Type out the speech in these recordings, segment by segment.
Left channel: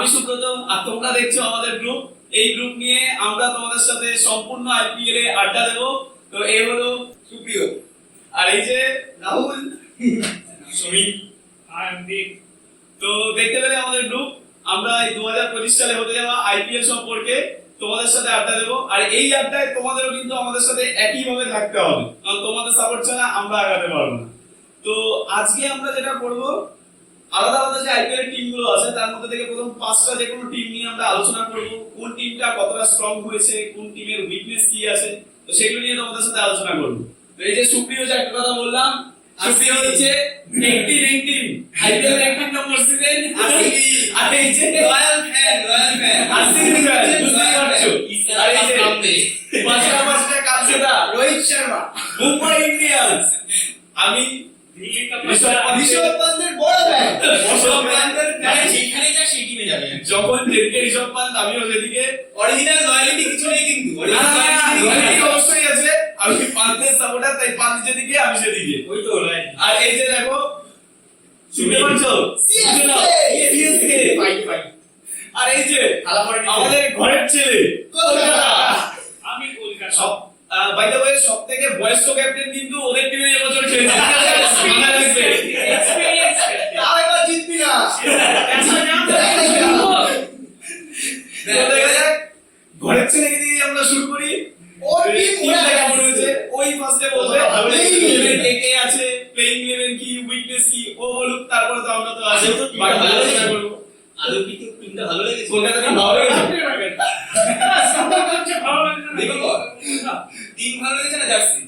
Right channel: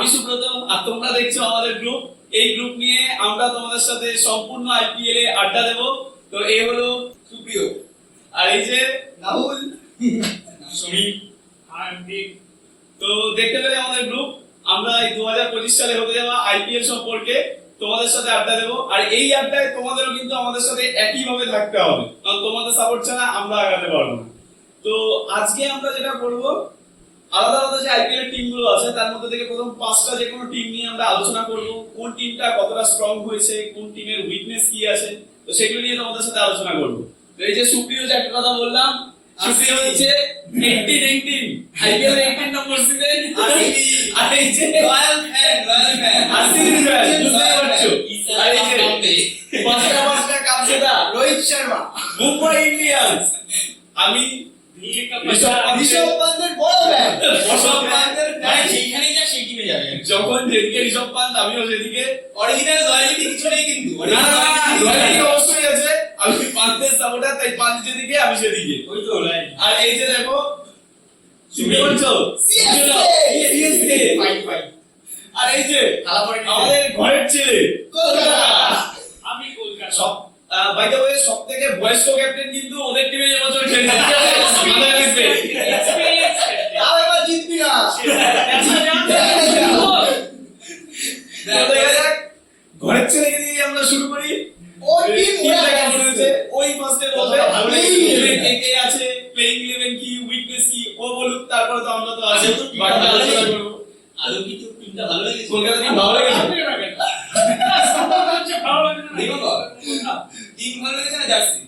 আমি সুব্রত, আর তোমরা দেখছো আমাদের গ্রুপ। এই গ্রুপ নিয়ে আমরা তোমাদের সাথে সম্পূর্ণ আইপিএল এ আড্ডা দেব। তো এই হলো সুপ্রিয়, আর এই যে রাহুল, সমীর, তো দেখতে পেলে আমাদের গ্রুপ। আমরা এই 2025 সালে হতে যাওয়া আইপিএল সম্পর্কে তোমাদের সাথে আড্ডা দেবো। আর এই আড্ডায় তোমাদেরও কিন্তু আমাদের সাথে একই ভাবে থাকতে হবে, কারণ তোমাদের সাপোর্ট ছাড়া আমরা আগাতে পারবো না। তো আজকে আমরা যেটা করব, আলাদা আলাদা যে আইপিএল এর টিম গুলো আছে তার মধ্যে থেকে প্রথম 5টা যে কোনো টিম নিয়ে আমরা আলোচনা করব, কোন টিমটা কতটা স্ট্রং হয়েছে, কোন টিমের উইকনেস কি আছে, তো সেগুলো নিয়ে তোমাদের সাথে আলোচনা করব। তো এই যে সুপ্রিয় যে একটা কথা বললাম, সুপ্রিয় হচ্ছে 18 আইপিএল 18 নম্বর সিজন, আর এই যে রয়্যাল ফ্যান আরসিবি ফ্যান, বুঝতেই পারছো। আর এই যে পাঁচটা কাপজেতা রোহিত শর্মা, মুম্বাই ইন্ডিয়ান্স। আমি ঋষভ পান্তের বড় ফ্যান, যখন যেদিকে ঋষভ পান্ত আমিও সেদিকে। অরিজিনাল লয়ালিটি কিছু নেই কিন্তু, লয়ালিটি অবশ্যই আছে। আমি পান্তের সাপোর্টার, তাই পান্ত যেদিকে আমি সেদিকে। ওই তো লয়ালিটি। আর এই যে দেখো, শুনতে পাচ্ছো, সিএসকে ফাইট। আর এই যে আমাদের ঘরের ছেলে কলকাতা, আমি কলকাতা। সব বাই দ্য ওয়ে সবথেকে বয়স্ক ক্যাপ্টেন কিন্তু ওদের টিমে এবছর খেলেছে। মাথায় রাখবে, আর এবার জিতবি না। ঘরের ছেলে দিয়ে আমরা শুরু করি। ওর টিমটা কেমন হয়েছে ওই ফার্স্টে বলবে, কে আছে, প্লেইং 11 কি, উইকনেস কি ও বলুক, তারপরে তো আমরা তো আছি বাট আলোচনা করব। আলো কি তো টিমটা ভালো লেগেছে? কলকাতা টিম ভালো লেগেছে? দেখো টিম ভালো লেগেছে না জার্সি?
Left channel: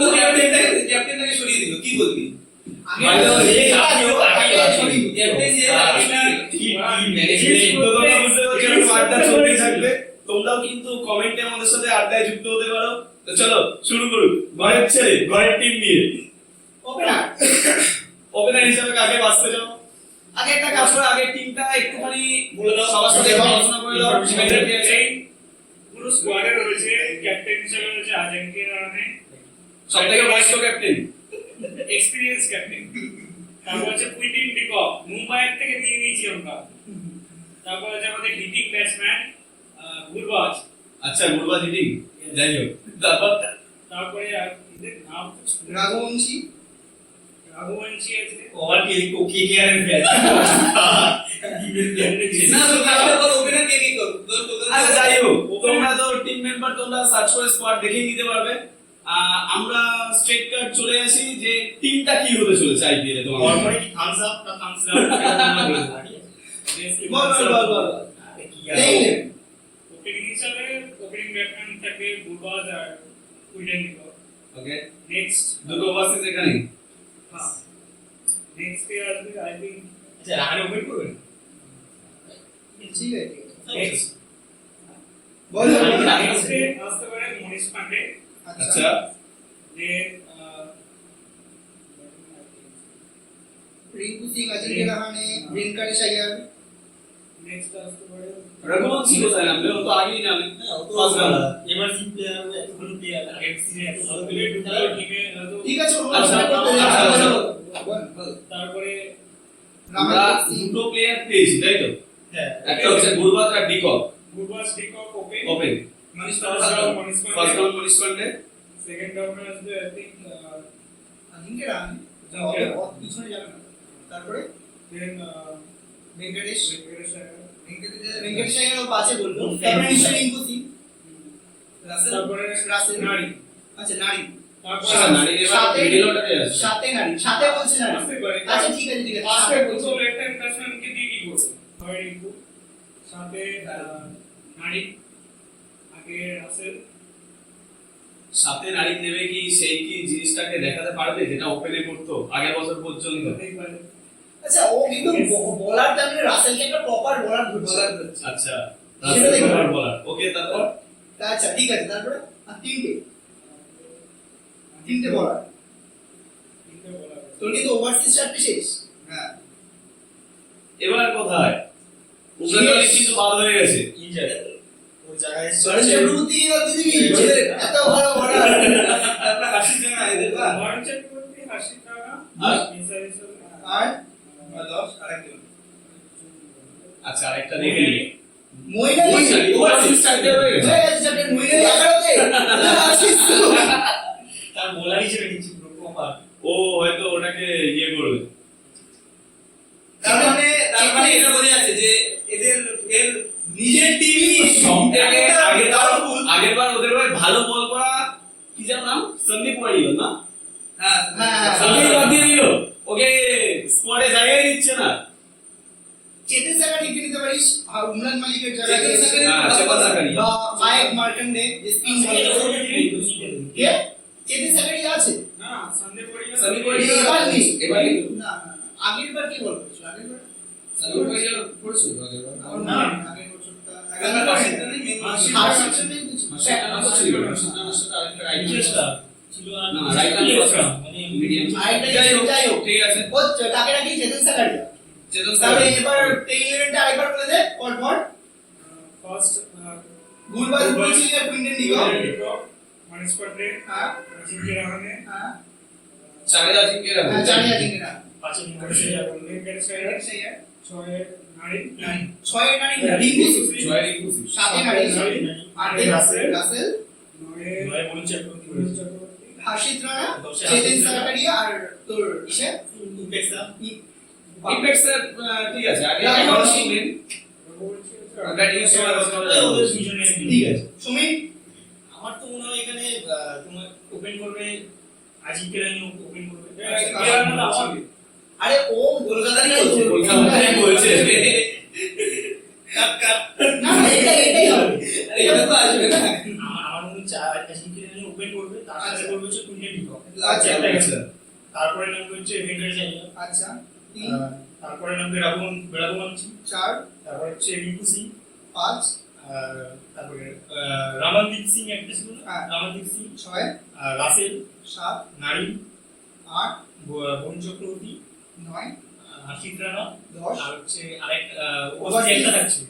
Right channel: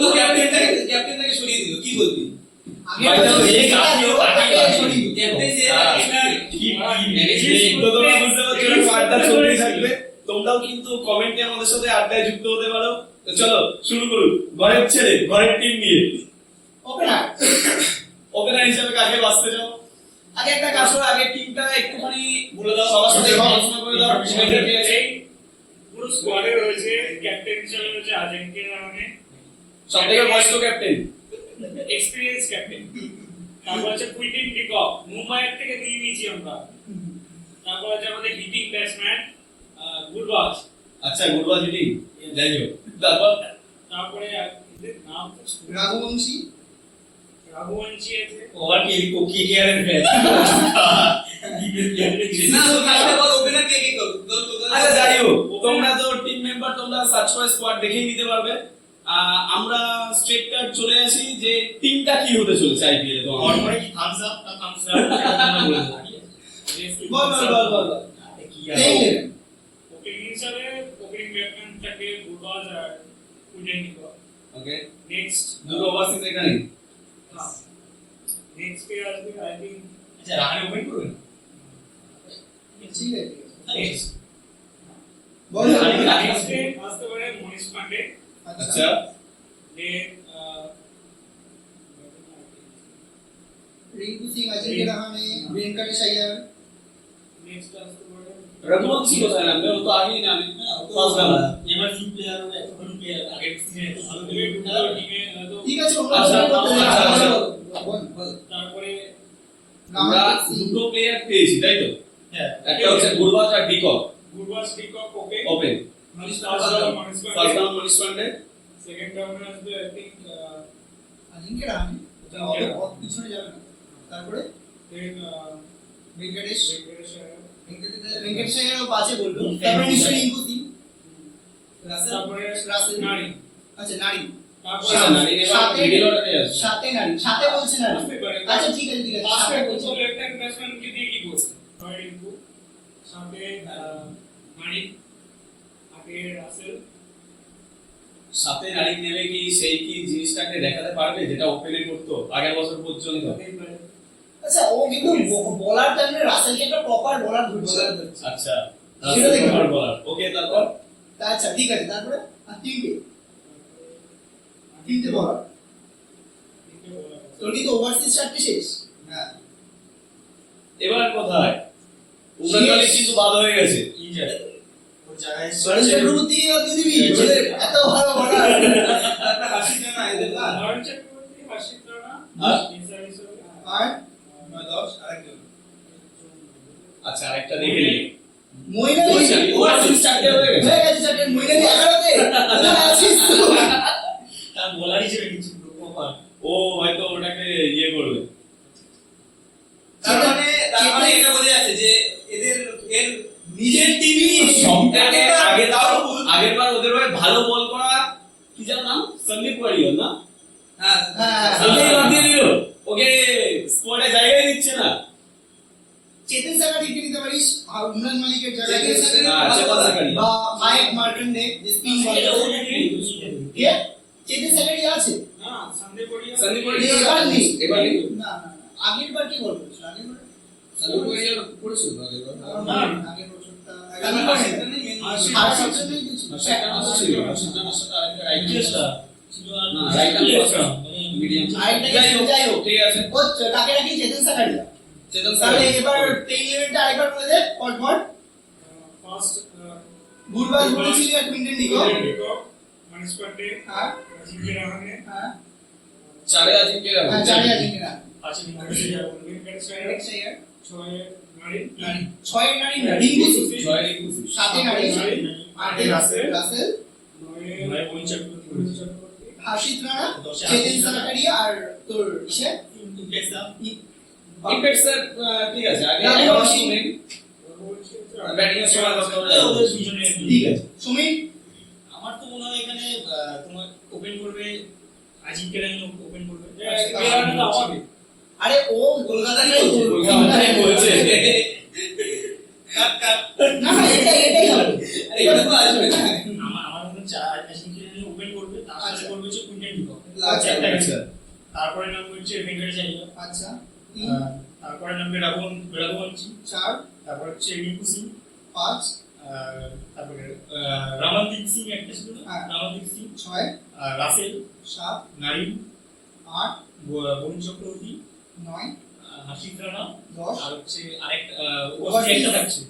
তো ক্যাপ্টেনটাকে সরিয়ে দিল, কি বলবি? তোমরাও কিন্তু কমেন্টে আমাদের সাথে আড্ডায় যুক্ত হতে পারো। তো চলো শুরু করুন ঘরের ছেলে ঘরের টিম নিয়ে। ওপেনার হিসেবে কাকে বাছতে চাও? আগে একটা কাজ করো, আগে টিমটা একটুখানি বলে দাও, সবার সাথে আলোচনা করে দাও। পুরো স্কোয়াডে রয়েছে, ক্যাপ্টেন হিসেবে রয়েছে আজেঙ্কে রাহানে, সবথেকে বয়স্ক ক্যাপ্টেন, এক্সপেরিয়েন্স ক্যাপ্টেন। তারপর আছে কুইন্টিন ডিকক, মুম্বাইয়ের থেকে নিয়ে নিয়েছি আমরা। তারপর আছে আমাদের হিটিং ব্যাটসম্যান গুরবাজ। আচ্ছা গুরবাজ হিটিং, যাই হোক। তারপরে নাম রাঘবংশী আছে। ওভার কি কেয়ারের ফ্যান। না তো তাহলে বল ওপেনার কে কে করব? আচ্ছা যাই হোক, তোমরা তো টিম মেম্বার, তোমরা সার্চ করে স্কোয়াড দেখেই নিতে পারবে। আমরা স্ট্রেট কাট চলে আসি যে টিমটা কি হতে চলেছে আইপিএল এ। তোমার অর্ডারে কি থামস আপ না থামস ডাউন বল কি ওপেনিং হিসাবে ওপেনিং ব্যাটসম্যান থাকে গুরবাজ আর কুইন্টিন ডিকক। ওকে, নেক্সট দুটো ওভারসিজ এখানে। হ্যাঁ, নেক্সট এ আসবে আই থিংক। আচ্ছা রাহানে ওপেন করবেন? ঠিক আছে নেক্সট বল। নেক্সট এ আসতে পারে মনীষ পান্ডে। আচ্ছা দেন रिंकू सिंह, अजिंक्य रहाणे, वेंकटेश अय्यर। नेक्स्ट আসতে পারে রঘুবংশী কোথায় নামবে? ও তো আগেই নামে ফার্স্ট রাউন্ড। এবার সিম প্লেয়ার হবে, এতক্ষণ প্লেয়ার আগে সিজনে এত ভালো খেলে টিমে হয়তো। ঠিক আছে আচ্ছা, বল। তারপরে আমরা দুটো প্লেয়ার পেয়েছি তাই তো? হ্যাঁ, একটা হচ্ছে গুরবাজ আর de Kock. Gurbaz de Kock open, open Manish first round Manish Pandey. Second রাউন্ডে আসবে আই থিংক अजिंक्य रहाणे बहुत পিছনে যাবে না। তারপরে দেন वेंकटेश वेंकटेश अय्यर পাঁচে বলবো। তারপরে নিশ্চয়ই রিঙ্কু সিং, তারপরে রাসেল, নারী। আচ্ছা নারী, তারপরে আচ্ছা নারী এবার মিডল অর্ডারে আছে। সাথে নারী, সাথে বলছে নারী। আসতে পারে। আচ্ছা ঠিক আছে ফার্স্টে সাথে বলছো বলছে। লেফট হ্যান্ড ব্যাটসম্যান কে দিয়ে কি করবে? হয় রিঙ্কু, সাথে নারী, আগে রাসেল। সাথে নারী নেবে কি, সেই কি জিনিসটাকে দেখাতে পারবে যেটা ওপেনে করতো আগের বছর পর্যন্ত? হতেই পারে। আচ্ছা ও কিন্তু বলার টাইমে রাসেলকে একটা প্রপার বলার ধরছে। আচ্ছা সেটা দেখে রাসেল বলার। ওকে তারপর আচ্ছা ঠিক আছে। তারপরে আর তিনটে বলার। তিনটে বলা আছে। তোর কিন্তু ওভারসিজ চারটে শেষ। হ্যাঁ, এবার কোথায় উগান্ডালে কিন্তু বাদ হয়ে গেছে। ইনজার ও জায়গায় সরেশ চক্রবর্তী আর দিদিবি এত ভালো বলার। হাসি না এদের না। মারুন চক্রবর্তী, হাসিব রানা, আর? ইনসার হিসেবে আর 10 আরেকজন আচ্ছা আরেকটা দেখে নিই। মইনালি ও আসলে চারটে হয়ে গেছে। হয়ে গেছে চারটে মইনালি 11তে আসিস তো তার বোলার হিসেবে নিচ্ছি পুরো প্রপার। ও হয়তো ওটাকে ইয়ে করবে। তার মানে এটা বোঝা যাচ্ছে যে এদের এর নিজের টিমই সবথেকে আগের বার ওদের ভাই ভালো বল করা কি যেন নাম সন্দীপ ওয়ারিয়র না? হ্যাঁ সন্দীপ বাদ দিয়ে দিল, ওকে স্কোয়াডে জায়গায় দিচ্ছে না। চেতন সাকারি নিতে পারিস আর উমরান মালিকের জায়গায় চেতন সাকারি। বা মায়েক মার্কন্ডে যে স্পিন বলে কে চেতন সাকারি আছে না সন্দীপ ওয়ারিয়র সন্দীপ এবার নেই এবার নেই। না আগের বার কি বল করেছিল আগের বার সন্দীপ ওয়ারিয়র পড়েছিল আগের বার। না আগের বছরটা ইন্টারেস্টটা ছিল আর না, right hand ইন্টারেস্টটা মানে medium। আরেকটা যাই হোক ঠিক আছে। ও তাকে নাকি চেতন সাকারি চেতন তাহলে সাকারি। এবার এই ইভেন্টটা আরেকবার বলে দে পরপর ফার্স্ট ভুলভাল বলেছিলি আর কুইন্টেন ডিগো মানিস পান্ডে হ্যাঁ জিঙ্গে রাহানে হ্যাঁ চারে আজিমকে রাখো। চারি আছে কিনা পাঁচে ভেঙ্কটেশ আইয়ার ছয়ে নারী ছয় নারী রিঙ্কু সিং ছয় রিঙ্কু। সাথে নারী আটে রাসেল নয় বরুণ চক্রবর্তী হাসিদ রানা দশে চেতন হাসিদ রানা। সাকারিয়া আর তোর ইসে ইমপ্যাক্ট স্যার ঠিক আছে আগে না, এখন না, শুনলেন ব্যাটিং এর সময় কথা বলে ওদের দুজনে ঠিক আছে সুমিত আমার তো মনে হয় এখানে তোমার ওপেন করবে আজিমকে রানি ওপেন করবে আরে ও কলকাতারই বলছে কলকাতায় বলছে। না না এটাই হবে এটা তো আসবে না আমার মনে হচ্ছে আজিমকে রানি ওপেন করবে তার সাথে করবে হচ্ছে কুইন্টেন ডিকক আচ্ছা আচ্ছা তারপরে নামবে হচ্ছে ভেঙ্কটেশ আইয়ার আচ্ছা তারপরে নামবে রাঘবংশী চার তারপর হচ্ছে রিঙ্কু সিং পাঁচ তারপরে রামানদীপ সিং একটা ছিল না? হ্যাঁ। রামানদীপ সিং ছয় রাসেল সাত নারী আট বরুণ চক্রবর্তী নয় হাসিদ রানা দশ আর হচ্ছে আরেকটা ওভারসিজ। একটা থাকছে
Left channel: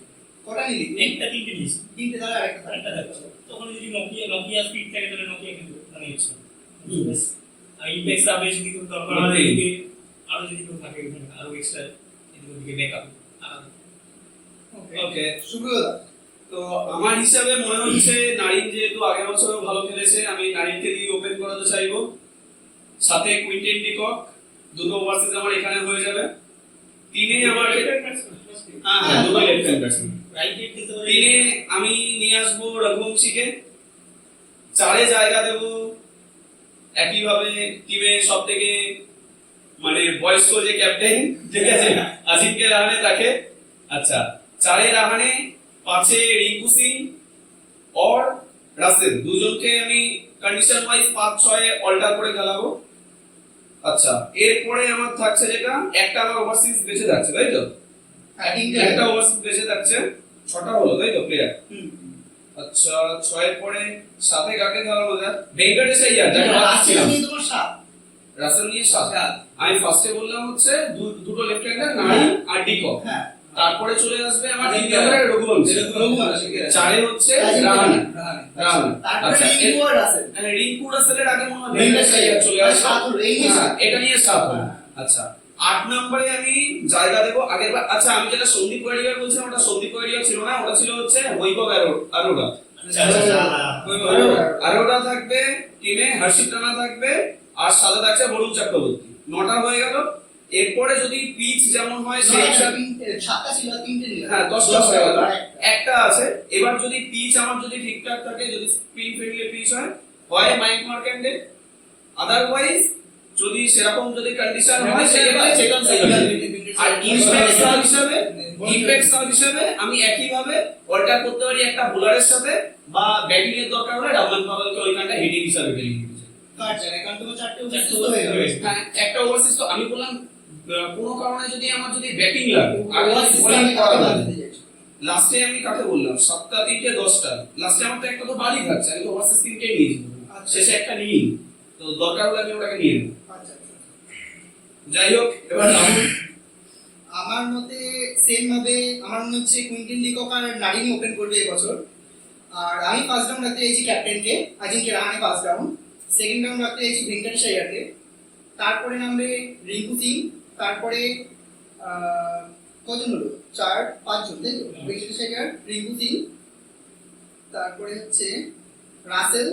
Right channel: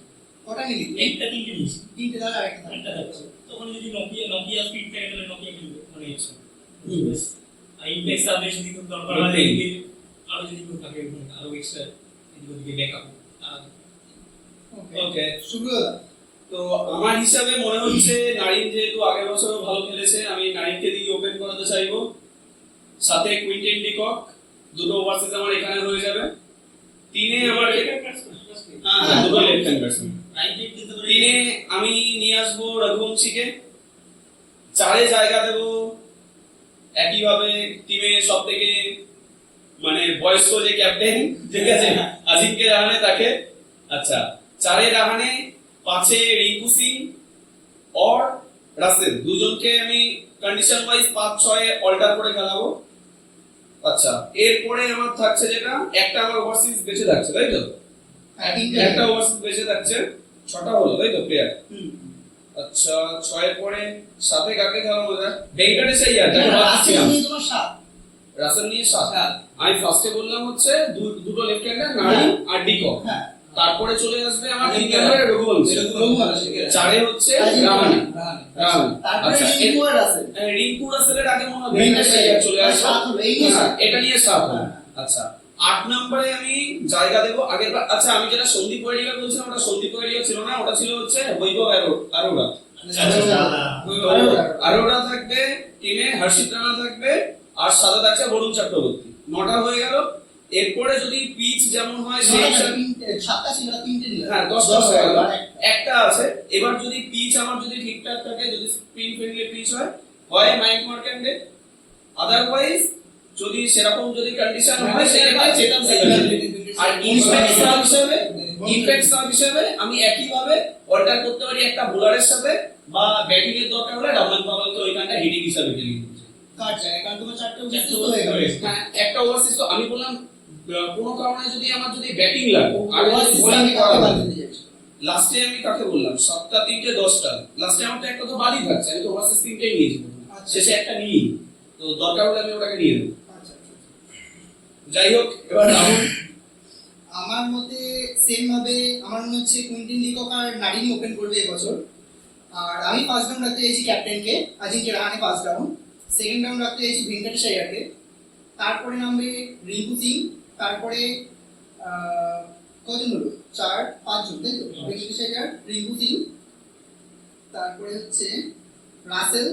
কটা নিলি একটা তিনটে নিয়েছি তিনটে তাহলে আরেকটা আরেকটা থাকছে তখন যদি নোকিয়া স্পিড থাকে তাহলে নোকিয়া কিন্তু মানে ইচ্ছে আর ইনটেক্স আবে যদি কোনো দরকার হয় Okay. এদিকে আরো যদি কেউ থাকে ওখানে আরো এক্সট্রা এদিকে ব্যাকআপ ওকে। সুব্রতা তো আমার হিসাবে মনে হচ্ছে নারিন যেহেতু আগের বছর ভালো খেলেছে, আমি নারিনকে দিয়ে ওপেন করাতে চাইবো। সাথে কুইন্টেন ডিকক, দুটো ওভারসিজ আমার এখানে হয়ে যাবে। তিনে আমার হ্যাঁ দুটো লেফট হ্যান্ড ব্যাটসম্যান। তিনে আমি নিয়ে আসবো রঘুবংশীকে। চারে জায়গা দেবো একইভাবে টিমে সব থেকে মানে বয়স্ক যে ক্যাপ্টেন, ঠিক আছে, আজিমকে রাহানে তাকে। আচ্ছা চারে রাহানে, পাঁচে রিঙ্কু সিং और রাসেল, দুজনকে আমি কন্ডিশন ওয়াইজ 5-6 অল্টার করে খেলাবো। আচ্ছা এরপরে আমার থাকছে যেটা একটা আমার ওভারসিজ বেঁচে থাকছে, তাই তো? হ্যাঁ তিনটে একটা ওভারসিজ বেঁচে থাকছে, 6টা হলো তাই তো প্লেয়ার। আচ্ছা 6 এর পরে সাথে কাকে খেলাবো? ভেঙ্কটেশ আইয়ার, দেখো রাসেল নিয়ে তোমার সাত রাসেল নিয়ে 7। আমি ফার্স্টে বললাম হচ্ছে দুটো লেফট হ্যান্ডার নারী আর ডিকক। হ্যাঁ তারপরে চলে আসবে আমার 3 নম্বরে রঘুবংশী। রঘুবংশী। চারে হচ্ছে রাহানে। রাহানে। তারপরে আচ্ছা রিঙ্কু আর রাসেল রিঙ্কু রাসেলের আগে মনে হয় ভেঙ্কটেশ ভেঙ্কটেশ আইয়ার চলে আসবে। সাত হলো, এই নিয়ে হ্যাঁ, সাত। এটা নিয়ে 7 হলো। হ্যাঁ। আচ্ছা 8 নম্বরে আমি জায়গা দেবো আগের বার। আচ্ছা আমি যেটা সন্দীপ ওয়ারিয়র বলছিলাম ওটা সন্দীপ ওয়ারিয়র ছিল না, ওটা ছিল হচ্ছে বৈভব আরোরা। আরোরা থাকবে টিমে, হর্ষিত রানা থাকবে আর সাথে থাকছে বরুণ চক্রবর্তী। 9টা হয়ে গেল। এরপরে যদি পিচ যেমন হয় সেই হিসাবে সাতটা ছিল তিনটে নিল হ্যাঁ 10টা হয়ে গেল, একটা আছে। এবার যদি পিচ আমার যদি ঠিকঠাক থাকে, যদি স্প্রিং ফ্রেন্ডলি পিচ হয় মাইক মার্কেন্ডে, আদারওয়াইজ যদি সেরকম যদি কন্ডিশন হয় সেক্ষেত্রে চেতন সাকারি। আর ইমপ্যাক্ট সাব হিসাবে আমি একই ভাবে অল্টার করতে পারি একটা বোলারের সাথে, বা ব্যাটিং এর দরকার হলে ডাবল পাওয়ালকে ওইখানটা হিটিং হিসাবে খেলি। কাট জায়গা কারণ তোমার চারটে চারটে উপস্থিত হয়ে গেল হ্যাঁ একটা ওভারসিজ তো আমি বললাম কোনো কারণে যদি আমার যদি ব্যাটিং লাগে আর ওভারসিজ আমি কথা বলতে যাচ্ছি লাস্টে আমি কাকে বললাম 7টা 3টে 10টা, লাস্টে আমার তো একটা তো বাড়ি থাকছে, আমি তো ওভারসিজ 3টেই নিয়েছি, আচ্ছা। শেষে একটা নিই, তো দরকার হলে আমি ওটাকে নিয়ে নেব। আচ্ছা যাই হোক এবার রাহুল। আমার মতে সেম ভাবে আমার মনে হচ্ছে কুইন্টেন ডিকক আর নারিনি ওপেন করবে এবছর। আর আমি ফার্স্ট রাউন্ড রাখতে চাইছি ক্যাপ্টেনকে আজিমকে Rahane first round, second round রাখতে চাইছি ভেঙ্কটেশ আইয়ারকে, তারপরে নামবে রিঙ্কু সিং, তারপরে কজন হলো 4-5 জন তাই তো বেশি শেখার রিঙ্কু সিং, তারপরে হচ্ছে রাসেল,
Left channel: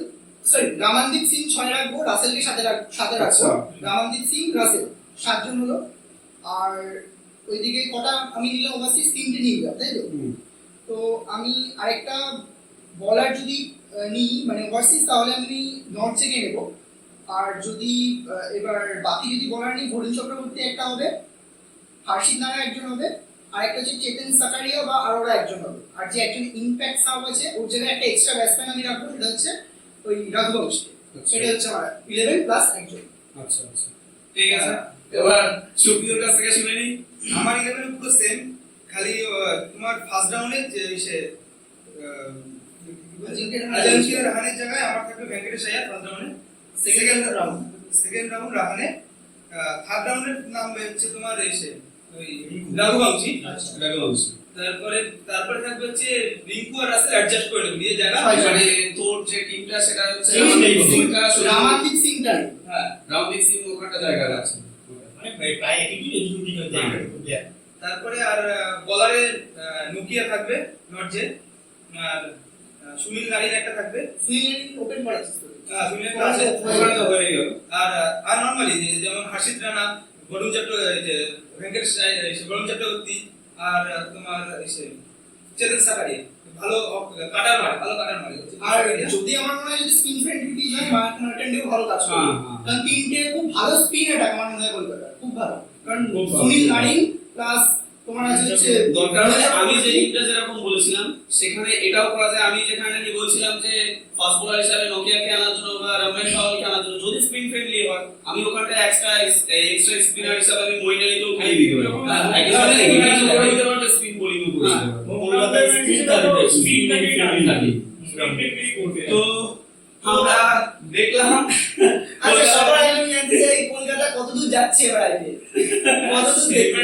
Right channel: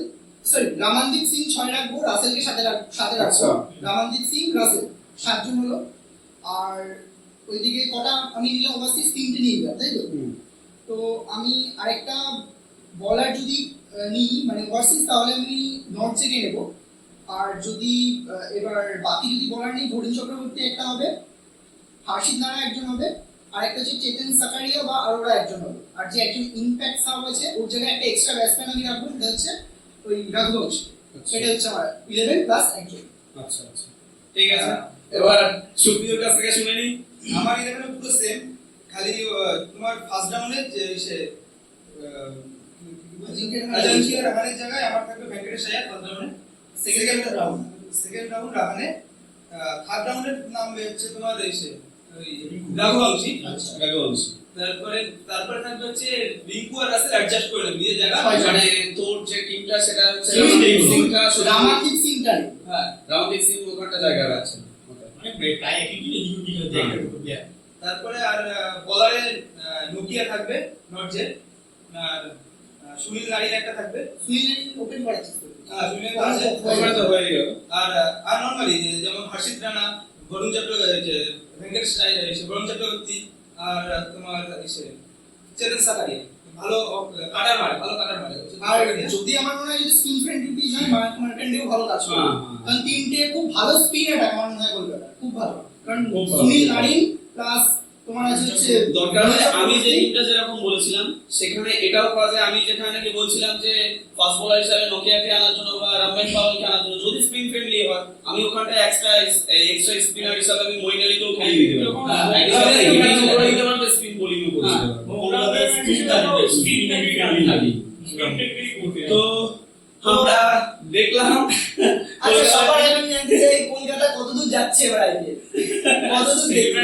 সরি রামানদীপ সিং 6 রাখবো, রাসেলকে সাথে রাখবো। আচ্ছা। রামানদীপ সিং রাসেল 7 জন হলো। আর ওইদিকে কটা আমি নিলাম ওভারসিজ 3টে নিয়ে নিলাম তাই তো। তো আমি আরেকটা বলার যদি নিই মানে ওভারসিজ তাহলে আমি নর্থ থেকে নেব। আর যদি এবার বাকি যদি বলার নিই বরুণ চক্রবর্তী একটা হবে, হার্ষিত নারা একজন হবে, আর একটা হচ্ছে চেতন সাকারিয়া বা আরোরা একজন হবে। আর যে একজন ইমপ্যাক্ট সাব আছে ওর জায়গায় একটা এক্সট্রা ব্যাটসম্যান আমি রাখবো, সেটা হচ্ছে ওই রঘুবংশ। সেটা হচ্ছে আমার 11 প্লাস একজন। আচ্ছা আচ্ছা ঠিক আছে, এবার সুপ্রিয়র কাছ থেকে শুনে নিই। আমার 11 পুরো সেম, খালি তোমার ফার্স্ট রাউন্ডে যে সে আজিঙ্ক্য রাহানের জায়গায় আমার থাকবে ভেঙ্কটেশ আয়ার ফার্স্ট রাউন্ডে। সেকেন্ড রাউন্ড রাহানে, থার্ড রাউন্ডের নাম হচ্ছে তোমার এসে ওই রঘুবংশী। তারপরে থাকবে হচ্ছে রিঙ্কু আর রাসেল অ্যাডজাস্ট করে নেবে নিজের জায়গা। মানে তোর যে টিমটা সেটা হচ্ছে রামানদীপ সিং টাই। হ্যাঁ, রামদীপ সিং ওখানটা জায়গা আছে। প্রায় একই জায়গা। তারপরে আর বলারে নোকিয়া থাকবে নর্জে, আর সুনীল নারিন একটা থাকবে। সুনীল ওপেন করাচ্ছিস তো? সুনীল আচ্ছা, ওখানে তো হয়ে গেল। আর নরমালি যেমন হাসিদ রানা, বরুণ চট্টোপাধ্যায়, ভেঙ্কটেশ বরুণ চট্টোপাধ্যায়, আর তোমার চেতন সাকারিয়া ভালো কাটার মারে, ভালো কাটার মারে। আর যদি আমার মনে হয় যদি স্পিন ফ্রেন্ডলি পিচ হয় মার্ক মার্কেন্ডেও ভালো কাজ করে, কারণ তিনটে খুব ভালো স্পিন অ্যাটাক আমার মনে হয় কলকাতা খুব ভালো। কারণ সুনীল নারিন প্লাস তোমার হচ্ছে দরকার হলে আমি যে টিমটা যেরকম বলেছিলাম সেখানে এটাও করা যায়। আমি যেখানে নাকি বলছিলাম যে ফাস্ট বোলার হিসেবে নোকিয়াকে আনার জন্য বা রমেশ পাওয়ালকে আনার জন্য যদি স্পিন ফ্রেন্ডলি হয়, আমি ওখানটা এক্সট্রা স্পিনার হিসেবে আমি মইন আলীকেও খেলিয়ে দিতে পারি। একইভাবে হিটিংও করে দিতে পারবো, স্পিন বোলিংও করে দিতে পারবো। কলকাতায় স্পিনটাকে থাকি। তো আমরা দেখলাম আচ্ছা সবার আগে আমি জানতে চাই কলকাতা কতদূর যাচ্ছে এবার আইপিএল, কতদূর দেখবে?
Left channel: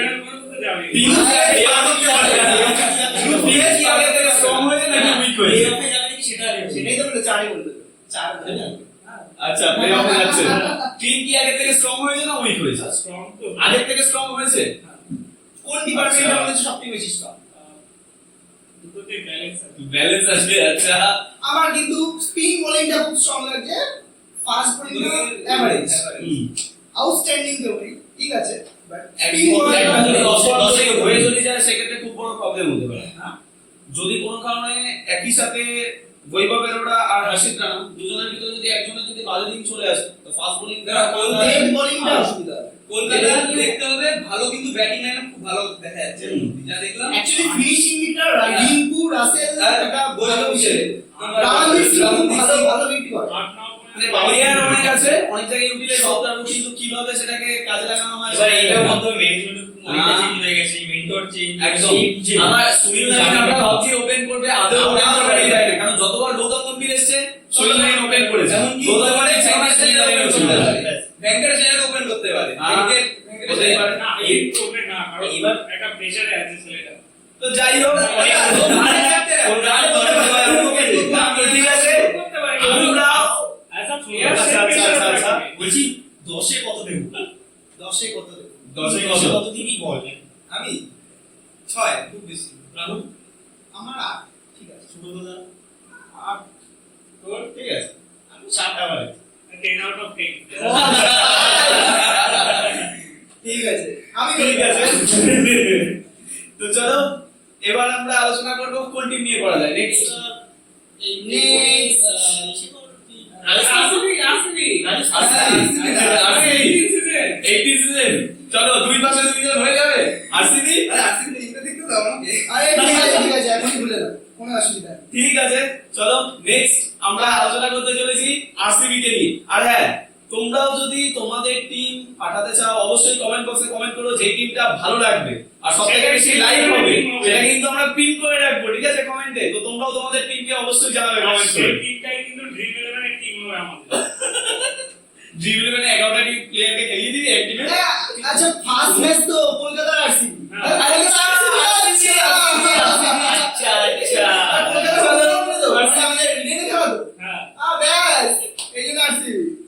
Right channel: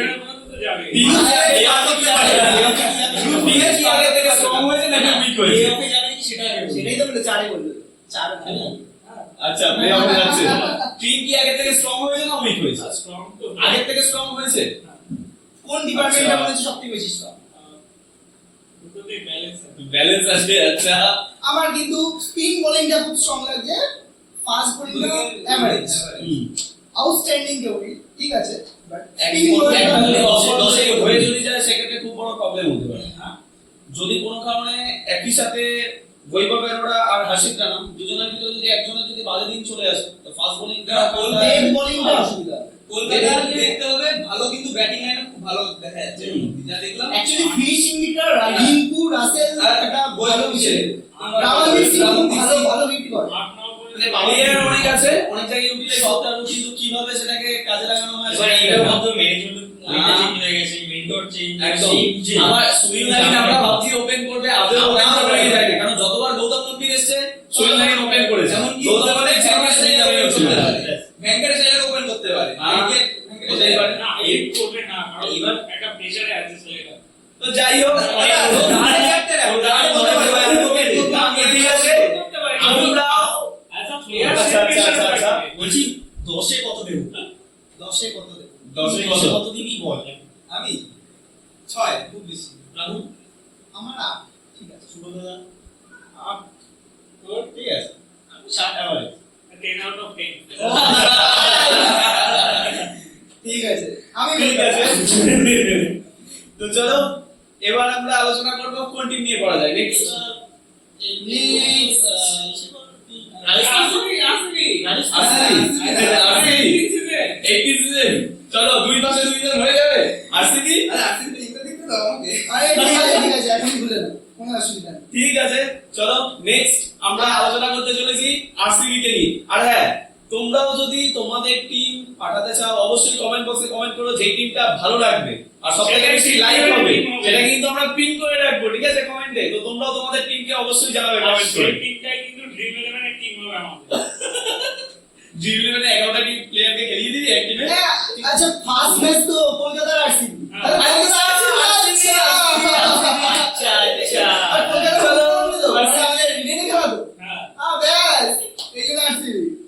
সেটাই তো বললো, চারই বললো, চার না? আচ্ছা, প্লে-অফে যাচ্ছে। টিম কি আগে থেকে স্ট্রং হয়েছে না উইক হয়েছে? স্ট্রং তো আগে থেকে স্ট্রং হয়েছে। কোন ডিপার্টমেন্টের মধ্যে সবথেকে বেশি স্ট্রং? দুটোতে ব্যালেন্স আছে। ব্যালেন্স আসবে। আচ্ছা, আমার কিন্তু স্পিন বোলিংটা খুব স্ট্রং লাগছে, ফাস্ট বোলিংটা এভারেজ, আউটস্ট্যান্ডিং কেউ নেই, ঠিক আছে, বাট স্পিন দশে হয়ে যদি যায় সেক্ষেত্রে খুব বড় প্রবলেম হতে পারে। যদি কোনো কারণে একই সাথে বৈভব অরোরা আর হাসিদ রানা দুজনের ভিতরে যদি একজনের যদি বাজে দিন চলে আসে তো ফাস্ট বোলিংটা ডেড বোলিংটা অসুবিধা হবে। কলকাতা দেখতে হবে ভালো, কিন্তু ব্যাটিং লাইন খুব ভালো দেখা যাচ্ছে যা দেখলাম। অ্যাকচুয়ালি ফিনিশিংটা রিঙ্কু রাসেল একটা ভালো বিষয়, আমার রামানদীপ সিং খুব ভালো ভালো হিট করে। 8-9 মানে প্লেয়ার অনেক আছে, অনেক জায়গায় ইউটিলাইজ করতে পারবো, কিন্তু কিভাবে সেটাকে কাজে লাগানো হয় এবার এটার মধ্যে ম্যানেজমেন্ট অনেকটা চেঞ্জ হয়ে গেছে, মেন্টর চেঞ্জ, একদম। চেঞ্জ। আমার সুনীল নারিন আমরা ভাবছি ওপেন করবে, আদৌ ওপেন করতে যায় না, কারণ যতবার গৌতম গম্ভীর এসেছে সুনীল নারিন ওপেন করেছে। এমনকি গৌতম গম্ভীর ছাড়া সুনীল নারিন ওপেন করতে পারে। ভেঙ্কটেশ আয়ার ওপেন করতে পারে। হতেই পারে। না এই করবে না, কারণ এবার একটা প্রেসারে আছে ছেলেটা। তো যাই হোক, ঠিক আছে, করতে পারে আমরাও অ্যাজ আ প্লেয়ার আচ্ছা, আচ্ছা, আচ্ছা, আচ্ছা। বলছি 10-এ কত দেব? 10-এ কত দেব? 10 কত দিবি বল? আমি 6 খুব বেশি। রাহুল, আমার 8, ঠিক আছে। সুব্রতদা, 8 তোর ঠিক আছে, আমি 7 এভারেজ। 10 out of 10। ঠিক আছে, আমি ঠিক আছে। তো চলো এবার আমরা আলোচনা করব কোন টিম নিয়ে করা যায় নেক্সট। চলো দুই পাশে দুইজন হয়ে যাবে। আরসিবি, আরে আরসিবি টিমটা দেখতে দাও আমাকে। আরে ঠিক আছে, ঠিক আছে, এখনই ভুলে দাও, কোনো অসুবিধা নেই। ঠিক আছে। চলো নেক্সট আমরা আলোচনা করতে চলেছি আরসিবি কে নিয়ে। আর হ্যাঁ, তোমরাও যদি তোমাদের টিম পাঠাতে চাও অবশ্যই কমেন্ট বক্সে কমেন্ট করো, যে টিমটা ভালো লাগবে আর সবথেকে বেশি লাইক হবে সেটা কিন্তু আমরা পিন করে রাখবো, ঠিক আছে, কমেন্টে। তো তোমরাও তোমাদের টিমকে অবশ্যই জানাবে কমেন্ট করে। সেই টিমটাই কিন্তু ড্রিম 11 এর টিম হবে আমাদের। ড্রিম 11 এ 11টা টিম প্লেয়ারকে খেলিয়ে দিবি এক টিমে। আচ্ছা ফার্স্ট ম্যাচ তো কলকাতার আরসিবি। হ্যাঁ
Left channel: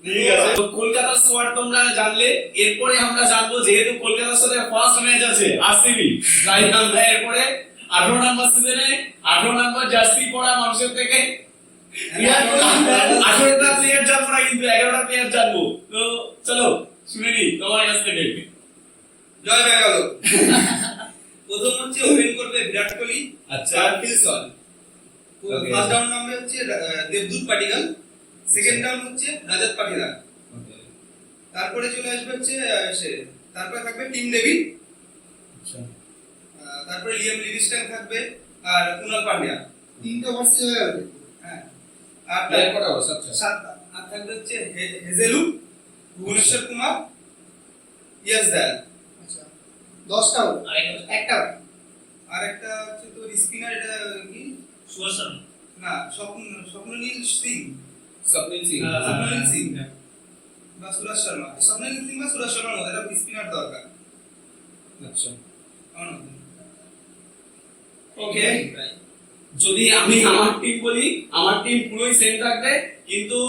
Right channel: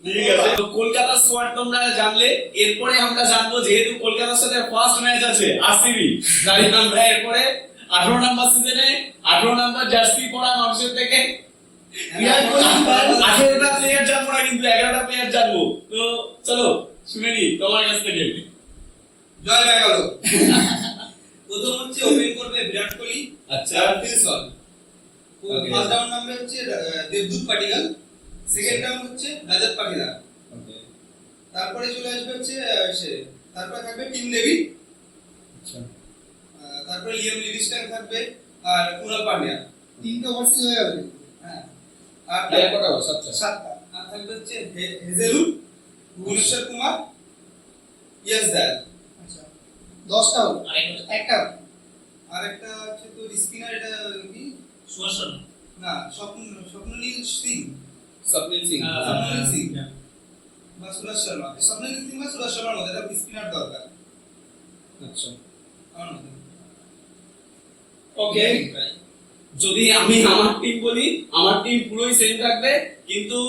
ঠিক আছে, তো কলকাতার স্কোয়াড তোমরা জানলে। এরপরে আমরা জানবো, যেহেতু কলকাতার সাথে ফার্স্ট ম্যাচ আছে আরসিবি, তাই আমরা এরপরে 18 নাম্বার সিজনে 18 নাম্বার জার্সি পরা মানুষের থেকে 18টা প্লেয়ার জানবো না, কিন্তু 11টা প্লেয়ার জানবো। তো চলো শুনে নি তোমার কাছ থেকে। জয় ব্যাঙ্গালোর। প্রথম হচ্ছে ওপেন করবে বিরাট কোহলি, আচ্ছা। আর Phil Salt. Okay. First down number হচ্ছে দেবদূত পাটিগাল, সেকেন্ড ডাউন হচ্ছে রাজাত পাটিদার। তারপরে চলে আসবে হচ্ছে তারপরে থাকবে টিম ডেভিড, আচ্ছা তারপরে লিয়াম লিভিংস্টন থাকবে, আর কুনাল পান্ডিয়া। 3টে ওভারসিজ হয়ে যাবে। হ্যাঁ, আর প্লেয়ার কটা বস? আচ্ছা 7টা। আর থাকবে হচ্ছে হেজেলুড, ভুবনেশ্বর কুমার, ইয়াস দয়াল। আচ্ছা 10টা ওভার, আরেকটা একটা আর একটা হচ্ছে তো স্পিনার, এটা কি সুদর্শন না, স্বপ্ননীল সিং, স্বপ্নিল সিং। স্বপ্ননীল সিং বা সুরাজ শর্মা। স্বপ্ননীল সিং বা সুরাজ শর্মার মধ্যে একটা স্পিনার দরকার আচ্ছা আমার মধ্যে। ওকে, যদি আমি আমার টিম বলি, আমার টিম পুরোই সেম থাকবে, কিন্তু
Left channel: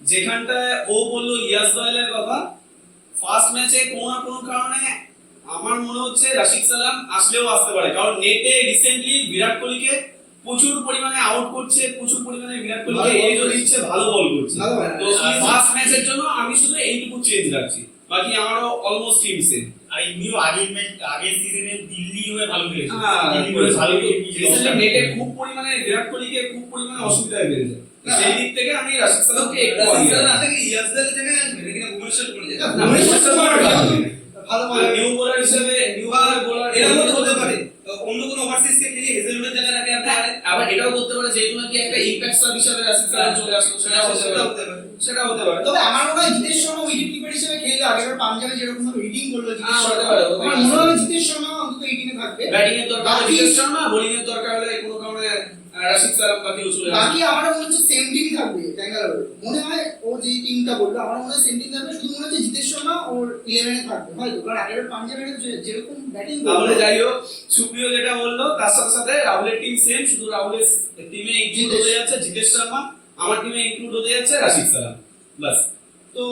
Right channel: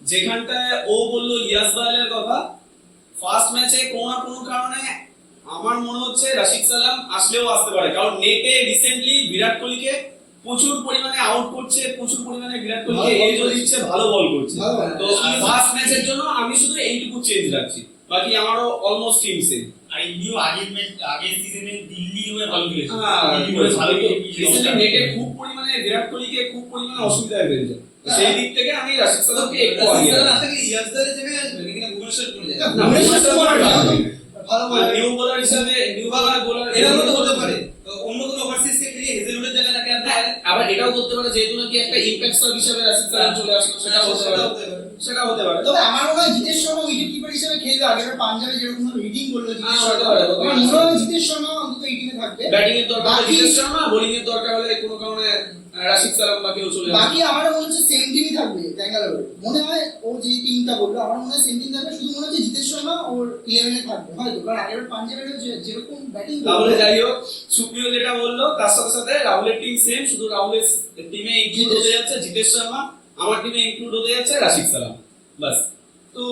যেখানটায় ও বললো ইয়াস দয়ালের কথা, ফার্স্ট ম্যাচে কোনো না কোনো কারণে আমার মনে হচ্ছে রাশিদ সালাম আসলেও আসতে পারে, কারণ নেটে রিসেন্টলি বিরাট কোহলিকে প্রচুর পরিমাণে আউট করছে, প্রচুর পরিমাণে বিরাট কোহলিকে এজও দিচ্ছে, ভালো বল করছে। ভালো বল। তো ফার্স্ট ম্যাচের জন্য আমি শুধু এইটুকু চেঞ্জ রাখছি, বাকি আমারও অলমোস্ট টিম সেম। আর এমনিও আগের সিজনে দিল্লি হয়ে ভালো খেলেছে। হ্যাঁ, দিল্লি হয়ে ভালো রিসেন্টলি নেটে খুব পরিমাণে বিরাট কোহলিকে খুব পরিমাণে অসুবিধায় ফেলেছে, সেই দিক থেকে আমি রাশিদ সালামকে একটু আগে না থেকে ইয়াস দয়ালের জায়গায় আসবে, নাকি না ভুবনেশ্বর কুমার যাবে? না, ভুবনেশ্বর কুমার ভালো। ভালো বল। নিউ বোলার হিসেবে নিউ বোলার এর মধ্যে হতে পারে অন্য কোনো ওভারসিজকে খেলিয়ে হেজেলুডের জায়গায় রাখে আনতে পারে। আবার এটাও করতে পারে, যেহেতু নাকি একটা ইমপ্যাক্ট সাব হিসেবে রাশিদ সালাম চলে আসলো, সেটাও হতে পারে, সেটাও হতে পারে। তবে আমার মনে হয় জিতেশ শর্মা উইকেট কিপার হিসেবে খেলবে। আগের পাঞ্জাবে যেরকম ভাবে হিটিং করলো জিতেশ হতে শর্মা, পারে, হতে পারে। আমার মনে হয় জিতেশ শর্মা অন্তত 18 এ থাকবে। ব্যাটিং এর দরকার হলে বাকি- জিতেশ শর্মা, বোলিং এর দরকার হলে কোনো কারণে রাশিদ সালাম বা কেউ চলে আসবে। বাকি আমার মনে হচ্ছে সেম টিমই থাকবে ব্যাঙ্গালোর। মনে হয় ও যে টিমটা বললো, আমার মনে হয় সেম টিম থাকবে, শুধু মনে হচ্ছে জিতেশ শর্মা ওর 11 এ থাকবে হয়তো, কারণ আগের পাঞ্জাবের যেরকম ব্যাটিং তাহলে যাই হোক, সুপ্রিয় যেটা বললো তার সাথে সাথে রাহুলের টিম সেম, শুধু রাহুলের টিমে ইনক্লুড হতে যাচ্ছে জিতেশ শর্মা, আমার টিমে ইনক্লুড হতে যাচ্ছে রাশিদ সালাম, বাস। তো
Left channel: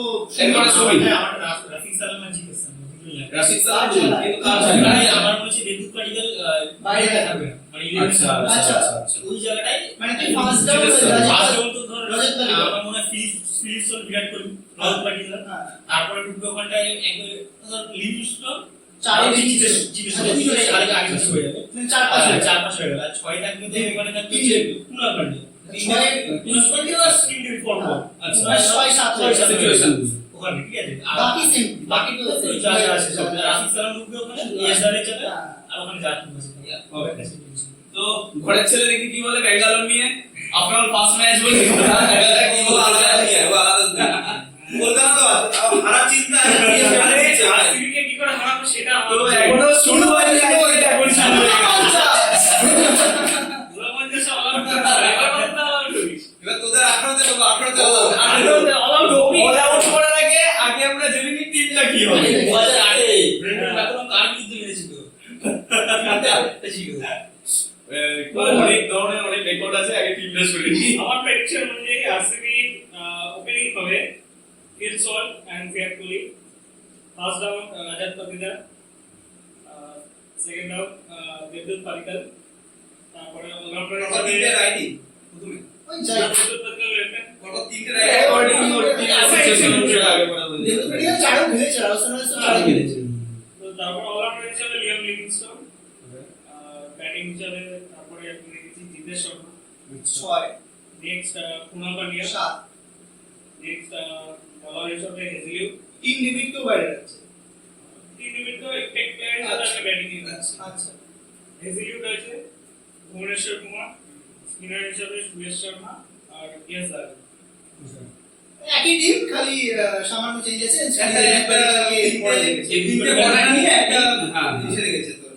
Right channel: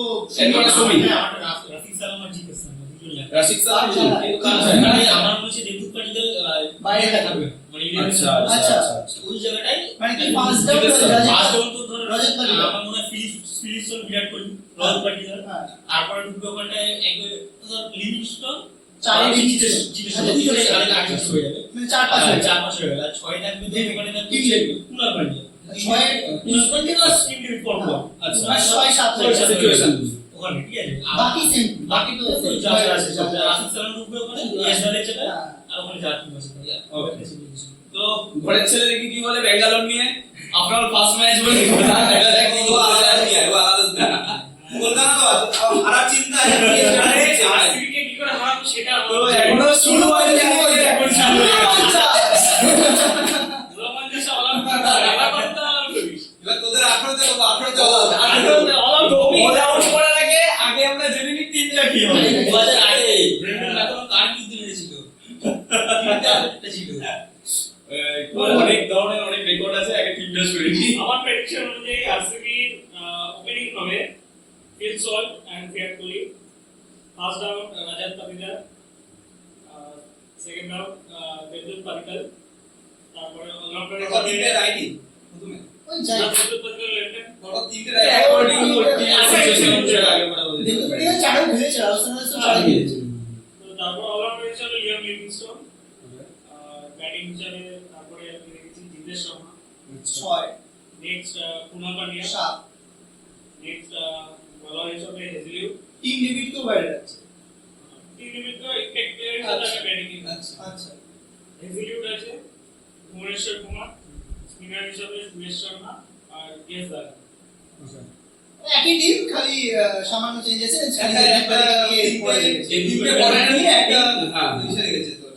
এরপরে ছবি। আমার রাফিক সালাম আর জিতেশ শর্মা দুজনই আছে। রাশিদ সালাম আচ্ছা, কিন্তু মানে আমার মনে হচ্ছে দেবদূত পাটিদার বাইরে বাইরে থাকবে। থাকবে, মানে আচ্ছা, ইলেভেন আচ্ছা, আচ্ছা। আচ্ছা। ওই জায়গাটায় মানে কি first down Jitesh Sharma. First down তো ধরো রজত পাটিদার। আমার মনে হয় ফিলিপসন বিরাট কোহলি, রজত পাটিদার, হ্যাঁ। তারপরে ঢুকবে ওখানটায় লিভিংস্টন, চারে জিতেশ শর্মা, জিতেশ শর্মা। আগে আগে হয়ে যাবে। মানে 4-5 হয়ে যাবে। 4-5 হয়ে গেল, আর 6 থাকবে তো ওখানে থাকবে কুনাল পান্ডিয়া। ছয়- আচ্ছা। মানে 6-7 হয়ে যাবে। সিচুয়েশন ওখানে ঠিক আছে। আর বাকি সেম বাকি তো যা যা আছে সব রাফিক সালাম ঢুকবে ওখানে, ইয়াস দয়ালের জায়গায়, হ্যাঁ। আর ওখানে যার টিম আছে। Okay. তো ঘরের ছেলে দেখি কি বলে ব্যাঙ্গালোর নিয়ে, আপনার ফার্স্ট ম্যাচ বলে কলকাতা তো হারা চিন্তা আছে। আরসিবি কে কি করে হারাবো সেটা তো আমার এখনো শুরু হয়নি, এখন শুরু হয়ে গেছে। রোমাঞ্চ সব আলাদা এবার কথা আলাদা করিস এবার তোদের 18তে বলবো, 18তে অল আউট করার আগে আগে আমরা জেনে নিই টিমটা কি হবে। 2008 ব্রেন্ডন ম্যাককালাম কার বিরুদ্ধে হেরেছিল? তিনটা ছিল। অনেক ধরনের অনেক রেকর্ড আছে, আগে টিমটা শুনে নিই। আমার প্রেডিকশন অনুযায়ী আরসিবি ওপেনিং হবে Phil Salt and Virat Kohli, first down Rajat Patidar, second down দেবদূত পাটিদার, তারপরে অলরাউন্ডার তিনটে হিসেবে রাইটি প্রথমে, ওই যাই দেবদূত পাটিদার লেফট পরপর তিনটে অ্যাকর্ডিং রাইটি। টু টিম সিচুয়েশন অনুসারে আগে বলা হয়েছে। দেখো চারও খেলেছে, রাজস্থানের সাথে চারও খেলেছে। তো তারপর অলরাউন্ডার হিসেবে লিয়াম লিভিংস্টন, ব্যাটিং হিসেবে তারপরে আমি রেখেছি জিতেশ শর্মা, 6 নেক্সট কুনাল পান্ডিয়া, 7 নেক্সট বলার হিসেবে হেজলিউড, টিম ডেভিড তো বাইরে আছে। টিম তো এক্সপেক্টেড আছে ব্যাটিং আচ্ছা হেজলিউড আছে, ভুবনেশ্বর কুমার, স্পিনার হিসেবে সুরেশ শর্মা আর ইয়াস দয়াল। একই টিম, খালি সামান্য চেঞ্জ আছে। তিনটে বলার নিয়ে একটা হ্যাঁ। এসে রেখেছে তোর।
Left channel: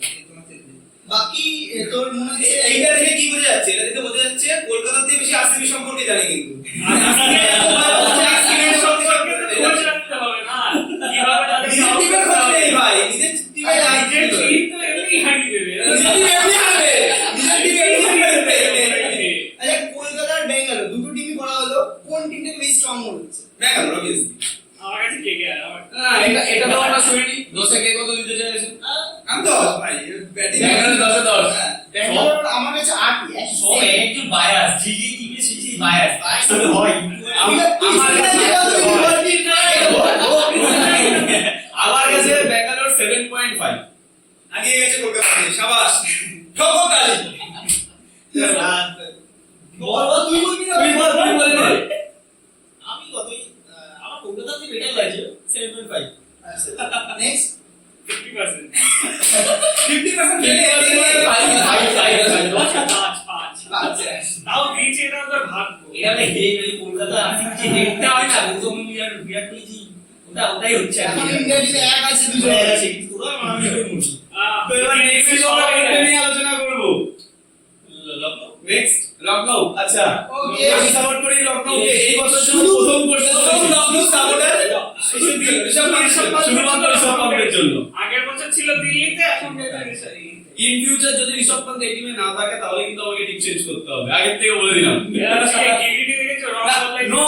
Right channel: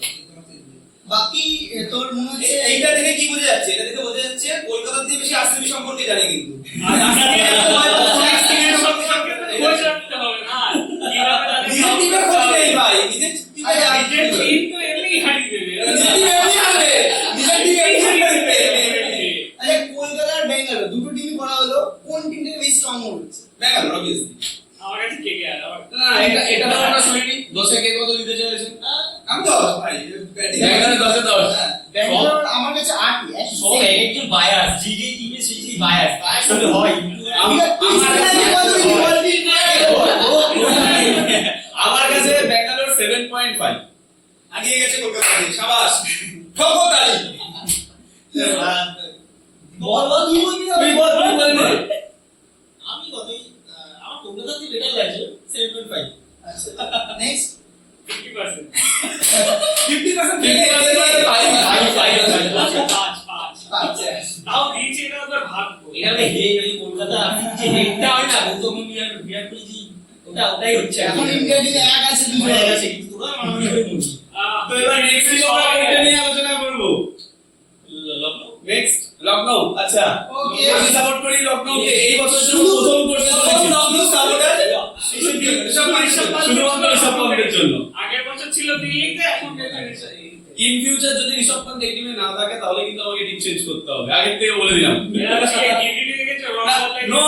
বাকি তোর মনে হচ্ছে এইটা দেখে কি বোঝা যাচ্ছে? এটা দেখে বোঝা যাচ্ছে কলকাতার থেকে বেশি আরসিবি সম্পর্কে জানে কিন্তু। খোঁজ রাখতে হবে না কিভাবে তাদের নিজের টিমের খোঁজ নেই ভাই, নিজের টিমে নিজের টিম তো এমনি হারিয়ে দেবে নিজের টিম এমনি হারবে, নিজের টিম এমনি হারবে। আচ্ছা, কলকাতা আর ব্যাঙ্গালোর দুটো টিমই করা হলো, কোন টিমটাকে বেশি স্ট্রং মনে হচ্ছে? ব্যাঙ্গালোর obviously। আমার কাছে কে কে আর আমার না, এটা আমি 10 ভাই ব্যাটিং ব্যাঙ্গালোর 10 এ 10 হ্যাঁ ব্যাঙ্গালোর আমার কাছে 8ই একই সব একজন বায়াস যে টিমে সেই বায়াস আসলে হয় আমার কাছে ব্যাঙ্গালোর 7.5 হারিয়ে গেছে কলকাতাতে শাবাশ ঠকো তালি বল বল তুই বলবি না তুই বল নে। আমি কতই আমার কলকাতা থেকে বেটার লাগছে 7.5 নেক্সট 50%। 50% ফেলে ভাই তাও দিয়েছে এটা ওদের ভাগ্য। এখানে হে যদি কলকাতা আসছে যে হেডটা হয় না গৌতম গম্ভীর আর বিরাট কোহলি জি ওটাই হচ্ছে এখন ইন্ডিয়া টিমে এক আছে দুজন হয়ে গেছে কিন্তু ওরা আমি হয়ে মুছি তো এবার নেক্সট ছিল আমরা এটা নিয়ে আলোচনা করব নেক্সট লখনৌ আচ্ছা Okay. আমি সাপোর্ট করি লখনৌকে এই বছর জন্য প্রথম করতে লখনৌ সাপোর্টার শুধুমাত্র ঋষভ পান্তের জন্য আগের বছর ছিল দিল্লিতে, এখন ইন ফিউচার যদি ঋষভ পান্ত এই টিমে না থাকে তাহলে কিন্তু আমাকে টিম চেঞ্জ করতে হবে আগের থেকে বলে দিলাম No,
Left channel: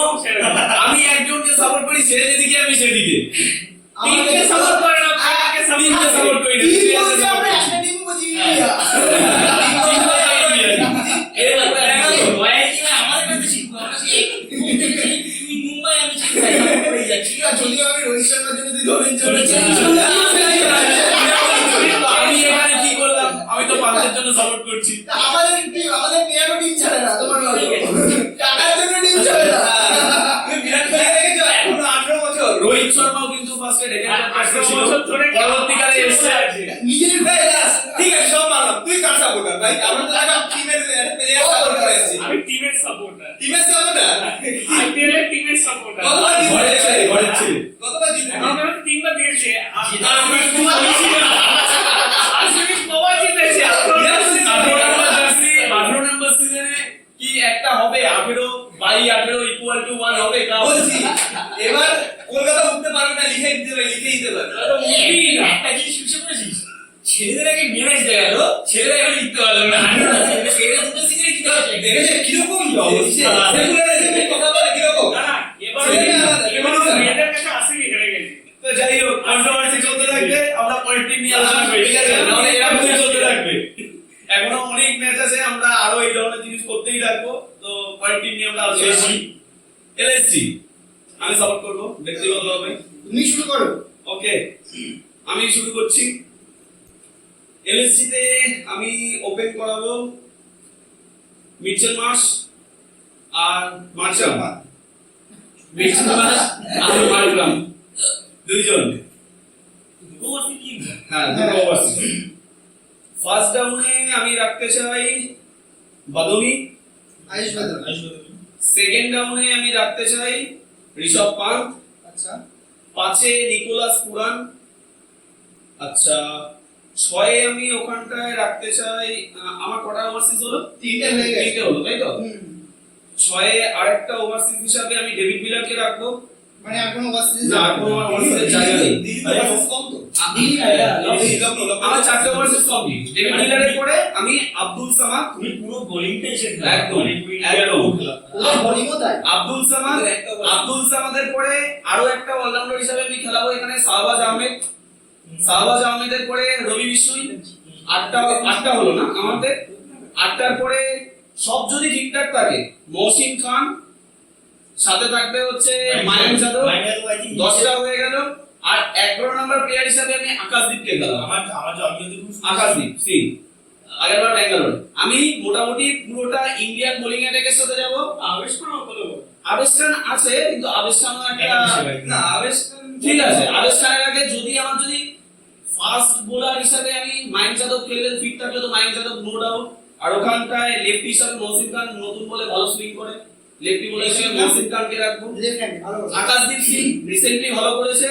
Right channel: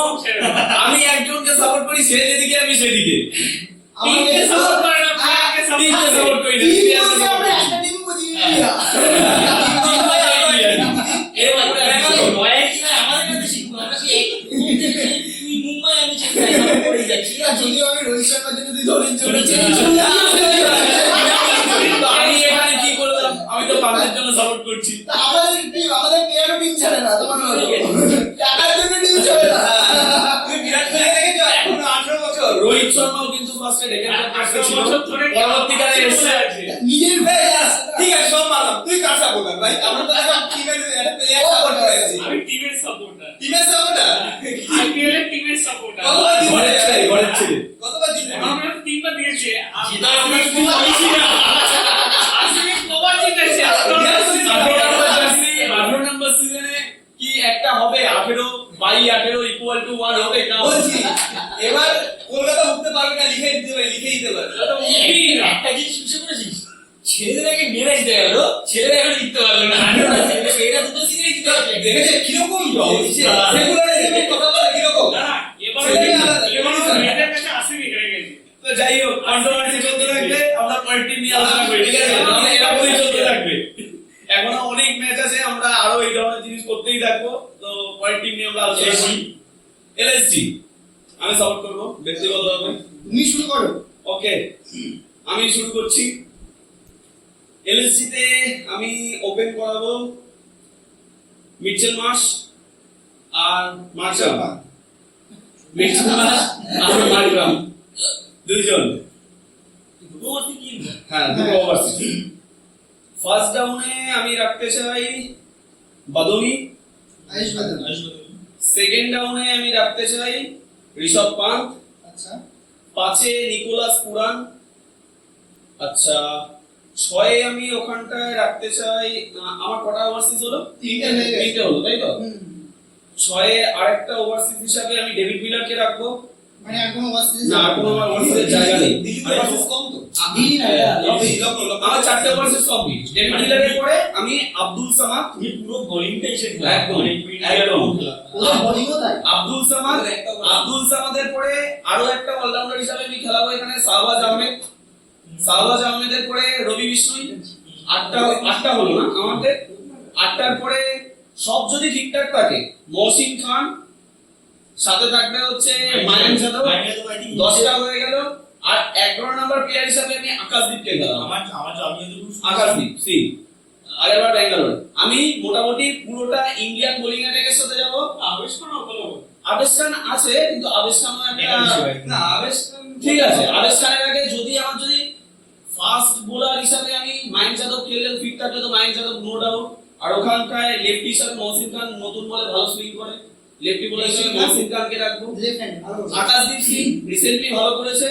আমি একজনকে সাপোর্ট করি সে যেদিকে আমি সেদিকে আমাকে সাপোর্ট করে না টিমকে সাপোর্ট করি না টিম প্লেয়ারকে বলতে সাপোর্ট আমরা করি একটা টিম বুঝি ইন্ডিয়া এবার রয়্যাল টিম আমাদের কাছে শিখবো আমরা সেই তুই মুম্বাই আমি চেন্নাই করেই যাচ্ছি না যদিও আমি রোহিত শর্মার জন্য তুই ধরেন চলেছি আমি এখানে কি করলাম আমি তো পান্তের জন্য সাপোর্ট করছি আমাদের টিম আমাদের প্লেয়ারও টিম ছাড়ে না তোমার টাকার জন্য টিম ছাড়ে না তুমি বিরাট কোহলি থেকে যাও এখনো 18 বছর রোহিত শর্মাও কিন্তু ফার্স্টে ডেকে 18 ছিল বছর ধরে পরবর্তীকালে এসে নিজের ঠিক আছে সব মানলাম তুই কার সাপোর্টার ভাই আমরা তো এখন টিমের প্লেয়ার সাপোর্ট করেছি আমি টিমের সাপোর্টার, টিমের সাপোর্টার আইপিএল এর টিমের সাপোর্টার। কতবার ঘরের ছেলে কতবার জিতে আমাকে তিনবার দিয়েছে। যেটা আমরা খুব খুশি না আরসিবি কবার জিতেছে? 18 নম্বর সিজনে কি একটা হবে 18/18 ইকুয়াল টু 1 হবে কাপ বলছি এবার কলকাতা উঠতে পারবে না লিখে দিতে পারবে তো মুভি না। একটা জিনিস বুঝতে পেরেছিস ছেলেদের আগে মেরে দিতে গেল ছেলেরা এখন জিততে পারলো না ছেলেরা দুটো সিজনে জিতে পারছে দেখেছে কিরকম সেগুলারিজমে কথা বলে কিরকম না, না, এবার মেয়েদের কাছে আরসিবি হেরে গেছে। তো যাই হোক কন্ট্রোভার্সি চলতে থাকবে আমরা পরের টিম নিয়ে আলোচনা করি ঠিক আছে নাহলে এরকমই চলতে থাকবে এখনো অনেক ম্যাচ আছে আমরা আরো এই ধরনের জিনিস করতেই থাকবো তো পরের টিম নিয়ে আমরা আলোচনা করি এলএসজি আমি সাপোর্ট করব ব্যক্তিগতভাবে তুমি শুরু করো ওকে আমি শুরু করছি এলএসজি তে আমি ওপেন করাবো মিচেল মার্শ আর মার্শাল মিচেল মার্শ আর মার্গ্রাম দুইজন দুটো ওভার কি হ্যাঁ দুটো ওভারসিজ ফার্স্ট ডাউনে আমি রাখতে চাই বাদনি আয়ুষ বাদল সেকেন্ড ডাউনে আমি রাখতে চাই ঋষভ পান্ত আচ্ছা 5 এ নিকোলাস পুরান আচ্ছা 6 এ আমি ওখানটায় রাখতে চাই আমার কটা ওভারসিজ হলো তিনটে হয়ে গেছে। তিনটে হলো তাই তো হুম। 6 এ আরেকটা ওভারসিজ হিসাবে আমি ডেভিড মিলারকে রাখবো মানে আর কোনো ওভারসিজ না আর কোনো ওভারসিজের জায়গা নেই দিল্লি ভার্সেস কম তো আমার 4টে ওভারসিজ কমপ্লিট ডেভিড মিলারের পরে আমি আব্দুল সামাদ তুমি পুরো বোলিংটাই শেখ একদম, একদম। ওদের বোলিংও তাই আব্দুল সামাদের পরে আরো একটা অলরাউন্ডার হিসেবে আমি খেলাবো এখানে শাহবাজ আহমেদের পরে রবি বিষ্ণুই আটটা হলো না আমাদের 8টার পরে সব যদি ঠিকঠাক থাকে মহসিন খান সাথে থাকবে হচ্ছে মায়াঙ্ক যাদব 10টা হয়ে গেল আর 11 নাম্বার প্লেয়ার হিসেবে আমি আকাশদীপকে খেলাবো আমার জন্মদিন আকাশদীপ সিং আগেরবার ব্যাঙ্গালোর আমি মোটামুটি পুরোটা ইন্ডিয়ান বোলিং অ্যাটাকের সাথে যাব আবেশ কোনো বলো। আবেশ খান আছে কিন্তু আবেশ খান একটা না আবেশ ঠিক আছে আবেশ খানের আগে আমার যদি ফাস্ট বোলার হিসাবে আমি মায়াঙ্ক যাদব খেললে ফিট থাকলে তো মায়াঙ্ক যাদব নো ডাউট আর ওখানটায় লেফটি হিসাবে মহসিন খান নতুন বলে ভালো সুইং করে লেফটি বোলার হিসেবে মহসিন খানকে রাখবো লেফট হ্যান্ড ভালো করছে। আকাশদীপ সিং রিসেন্টলি ভালো করেছে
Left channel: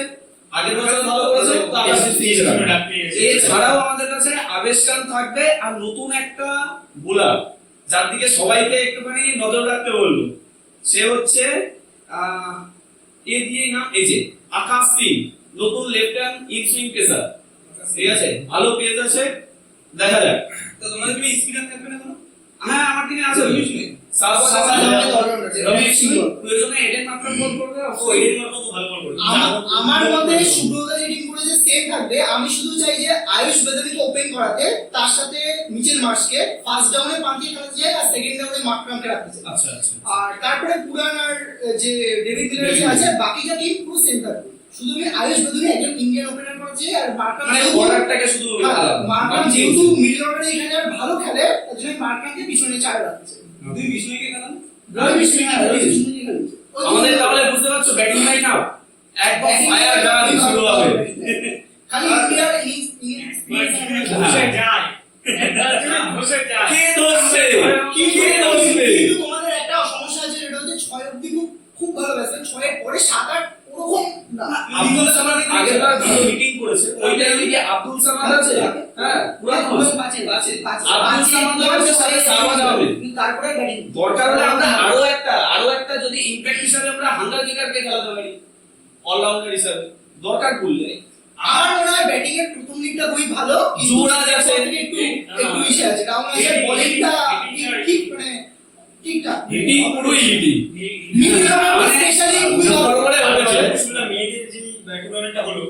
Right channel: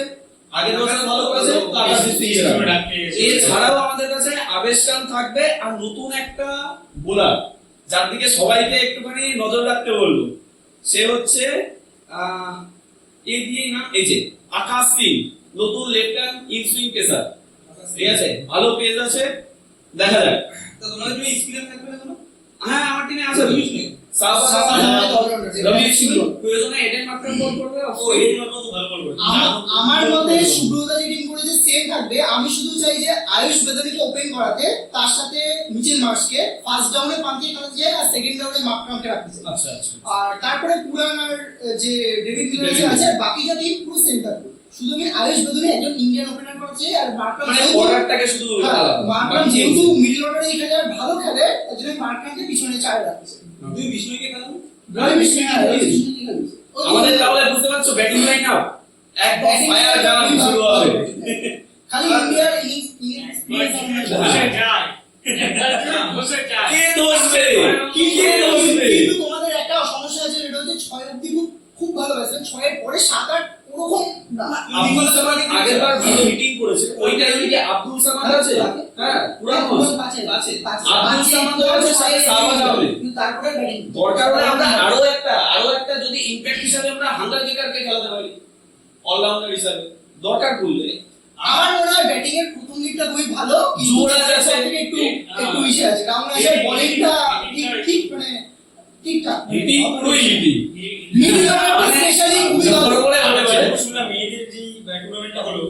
আগের বছর ভালো করেছে তো আকাশদীপ সিং এছাড়াও আমাদের কাছে আবেশ খান থাকবে আর নতুন একটা বোলার যার দিকে সবাইকে একটুখানি নজর রাখতে বলবো সে হচ্ছে এই যে আকাশ সিং নতুন left hand in swing pacer ঠিক আছে ভালো পেজ আছে দেখা যাক তো তোমাদের তুমি এক্সপেরিয়েন্স থাকবে না কোনো হ্যাঁ আমার টিমে আছে প্রয়োজনে এডেন মার্করাম বল করবে। ও এর মতো তো ভালো বল করে। আমার মতে সুব্রতা যে টিম করেছে সেম থাকবে। আমি শুধু চাই যে আয়ুষ বেদাবিকে ওপেন করাতে, তার সাথে মিচেল মার্শকে ফার্স্ট ডাউনে পান্তি খেলাতে চাই, আর সেকেন্ড ডাউনে মার্করামকে রাখতে চাই। আচ্ছা আচ্ছা। আর তারপরে পুরান আর যে ডেভিড মিলার যে আছে, বাকিটা টিম পুরো সেম থাকবে। শুধু আমি আয়ুষ বেদাবি একজন ইন্ডিয়ান ওপেনার করাতে চাই, আর মার্করাম মানে অর্ডারটাকে শুধু মার্করাম যেহেতু মিডল অর্ডারে এখানে আর ভালো খেলে, তার জন্য মার্করামকে পিছনে চার রাখতে চাই। দুই বিষ্ণুকে খেলাম। আমাদের তাহলে বুঝতে পারছো ব্যাটিং লাইন আপ একদম ফায়ার গান শুরু হবে। খালি ইন্ডিয়ার বসে যায় একবার যদি বসে যায় কে ধরবে? কে ধরবে? কিন্তু তোমাদের একটা সমস্যা আছে, যেটা হচ্ছে 6 অবধি খুব ভালো ব্যাটসম্যান, 6 এর পরে 7 8 ওরকম না। আব্দুল সামাদ আগের বার ভালো হিটিং করেছে, ওই টাইমে কি আব্দুল সামাদ আছে? হ্যাঁ পুরানো আব্দুল সামাদ আছে, সাথে সাওয়াজ হবে। তারপরে ব্যাটিং দরকার হলে আমরা আরো একটা যদি ইমপ্যাক্ট হিসাবে আমরা হান্টার কিকারকে খেলাতে পারি অলরাউন্ডার হিসাবে দরকার পড়লে। আমার মনে হয় ব্যাটিং এর প্রথম দিকটা খুবই ভালো, যুবরাজ আছে, একটু ইসে আছে, কারণ আছে বোলিংটা ঠিক মানে ঠিকঠাক হিটিং পুরোই হিটিং। মিডল অর্ডার স্পেশালি খুবই ভালো। শুনলাম মেয়েদের যে টুর্নামেন্টটা হলো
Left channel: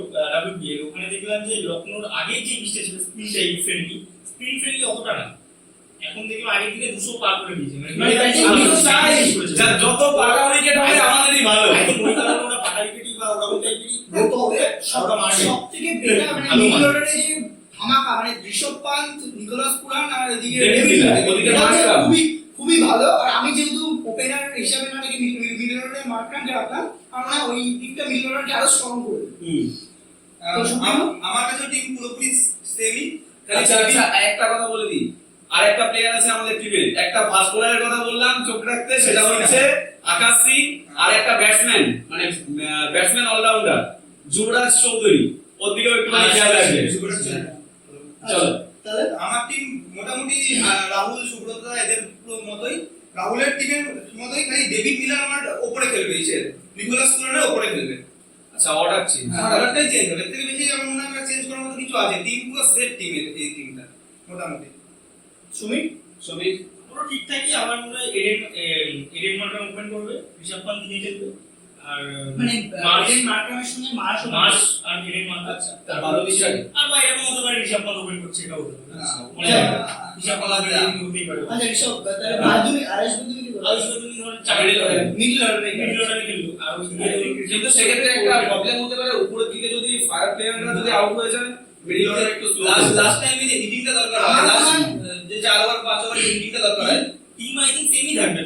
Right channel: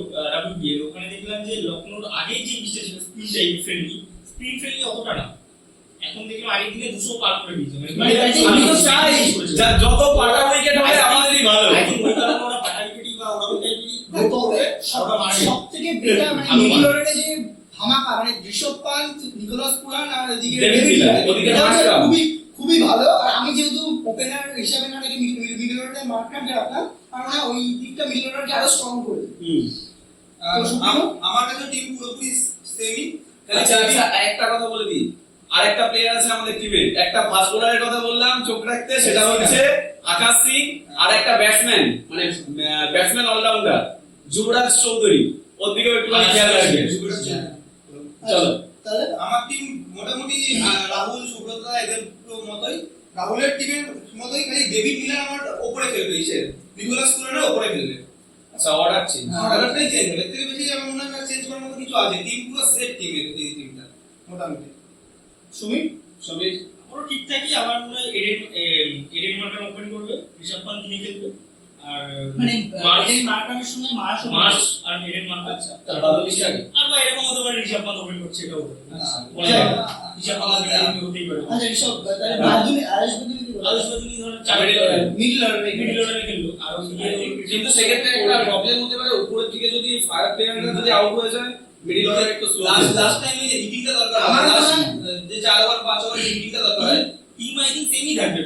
WBL, ওখানে দেখলাম যে লখনৌর আগেই যে ইনিংসটা ছিল স্পিন ফ্রেন্ডলি অতটা না, এখন দেখলাম আগের দিকে 200 পার করে দিয়েছে। আমি তো চাই যত পাটা উইকেট হবে আমাদেরই ভালো। আই থিংক ওই কারণে ওরা পাটা উইকেটই বা ওরকম টাইপেরই তবে সবথেকে বেটার মানে মিডল অর্ডারে যে ধামাকা, মানে ঋষভ পান্ত, নিকোলাস পুরান আর এদিকে ডেভিড মিলার, ওদিকে মার্করাম খুবই ভালো। আর আমি যেহেতু ওপেনার হিসাবে না রেখে মিডল অর্ডারে মার্করামকে রাখলাম, কারণ না ওই দিকটা মিডল অর্ডারকে আরো স্ট্রং করে দেবে। আমার কাছে টিম পুরোপুরি সেমই। আচ্ছা আচ্ছা, একটা কথা বলে দিই, আরেকটা প্লেয়ার আছে আমাদের টিমে, একটা ফাস্ট বোলারের কথা বললাম চোখ রাখতে, সেটা হচ্ছে আকাশ সিং। আর একটা ব্যাটসম্যান, মানে ব্যাটসম্যান অলরাউন্ডার যুবরাজ চৌধুরী, ওর দিকেও একটু খেয়াল রাখবে। চলো তাহলে আমার টিম মোটামুটি রাহুল, সুব্রতা এদের পুরো মতোই, রাহুলের টিমের মতোই, খালি ডেভিড মিলার আমার ওপরে খেলবে, নিকোলাস পুরানের ওপরে খেলবে। আচ্ছা, অর্ডার চেঞ্জ। অর্ডারটাই চেঞ্জ হবে, এর থেকে বেশি আমার মনে হয় চেঞ্জ করার মতো কিছু আছে। টিম পুরো সেট টিম, এই টিমটা মোটামুটি। সমীর পুরো ঠিকঠাকই। আমার মনে হয় এডেন মার্করাম ওপেন করবে, ঋষভ পান্ত নিয়ে খেলবে, আর মানে মার্শ এডেন মার্করামের সঙ্গে মার্শ আর এডেন মার্করাম। আচ্ছা, তার ভালো বিষয়। আর বা এরকম হতে পারে ঋষভ পান্ত ওপেন করছে, এটাও হতে পারে। ঋষভ পান্ত হতেই পারে। আচ্ছা ঋষভ, তাহলে বাদুনি আরেশ বাদুনি কি বলে? আয়ুষ বাদুনি ধরেন মিডল অর্ডারে মিডল অর্ডারে খেললো, আর কিন্তু সেক্ষেত্রে একটা প্রবলেম হতে পারে, উপরের দিকে যদি ফায়ার প্লেয়াররা যদি আউট হয়ে যায়, মিডল অর্ডার একটু স্লো। লাস্ট টাইমে যে হিটিংটা দরকার হয়, যে 4 ওভার 5 ওভার হিটিংটা দরকার হয়, টিম আই থিংক সেমই থাকবে।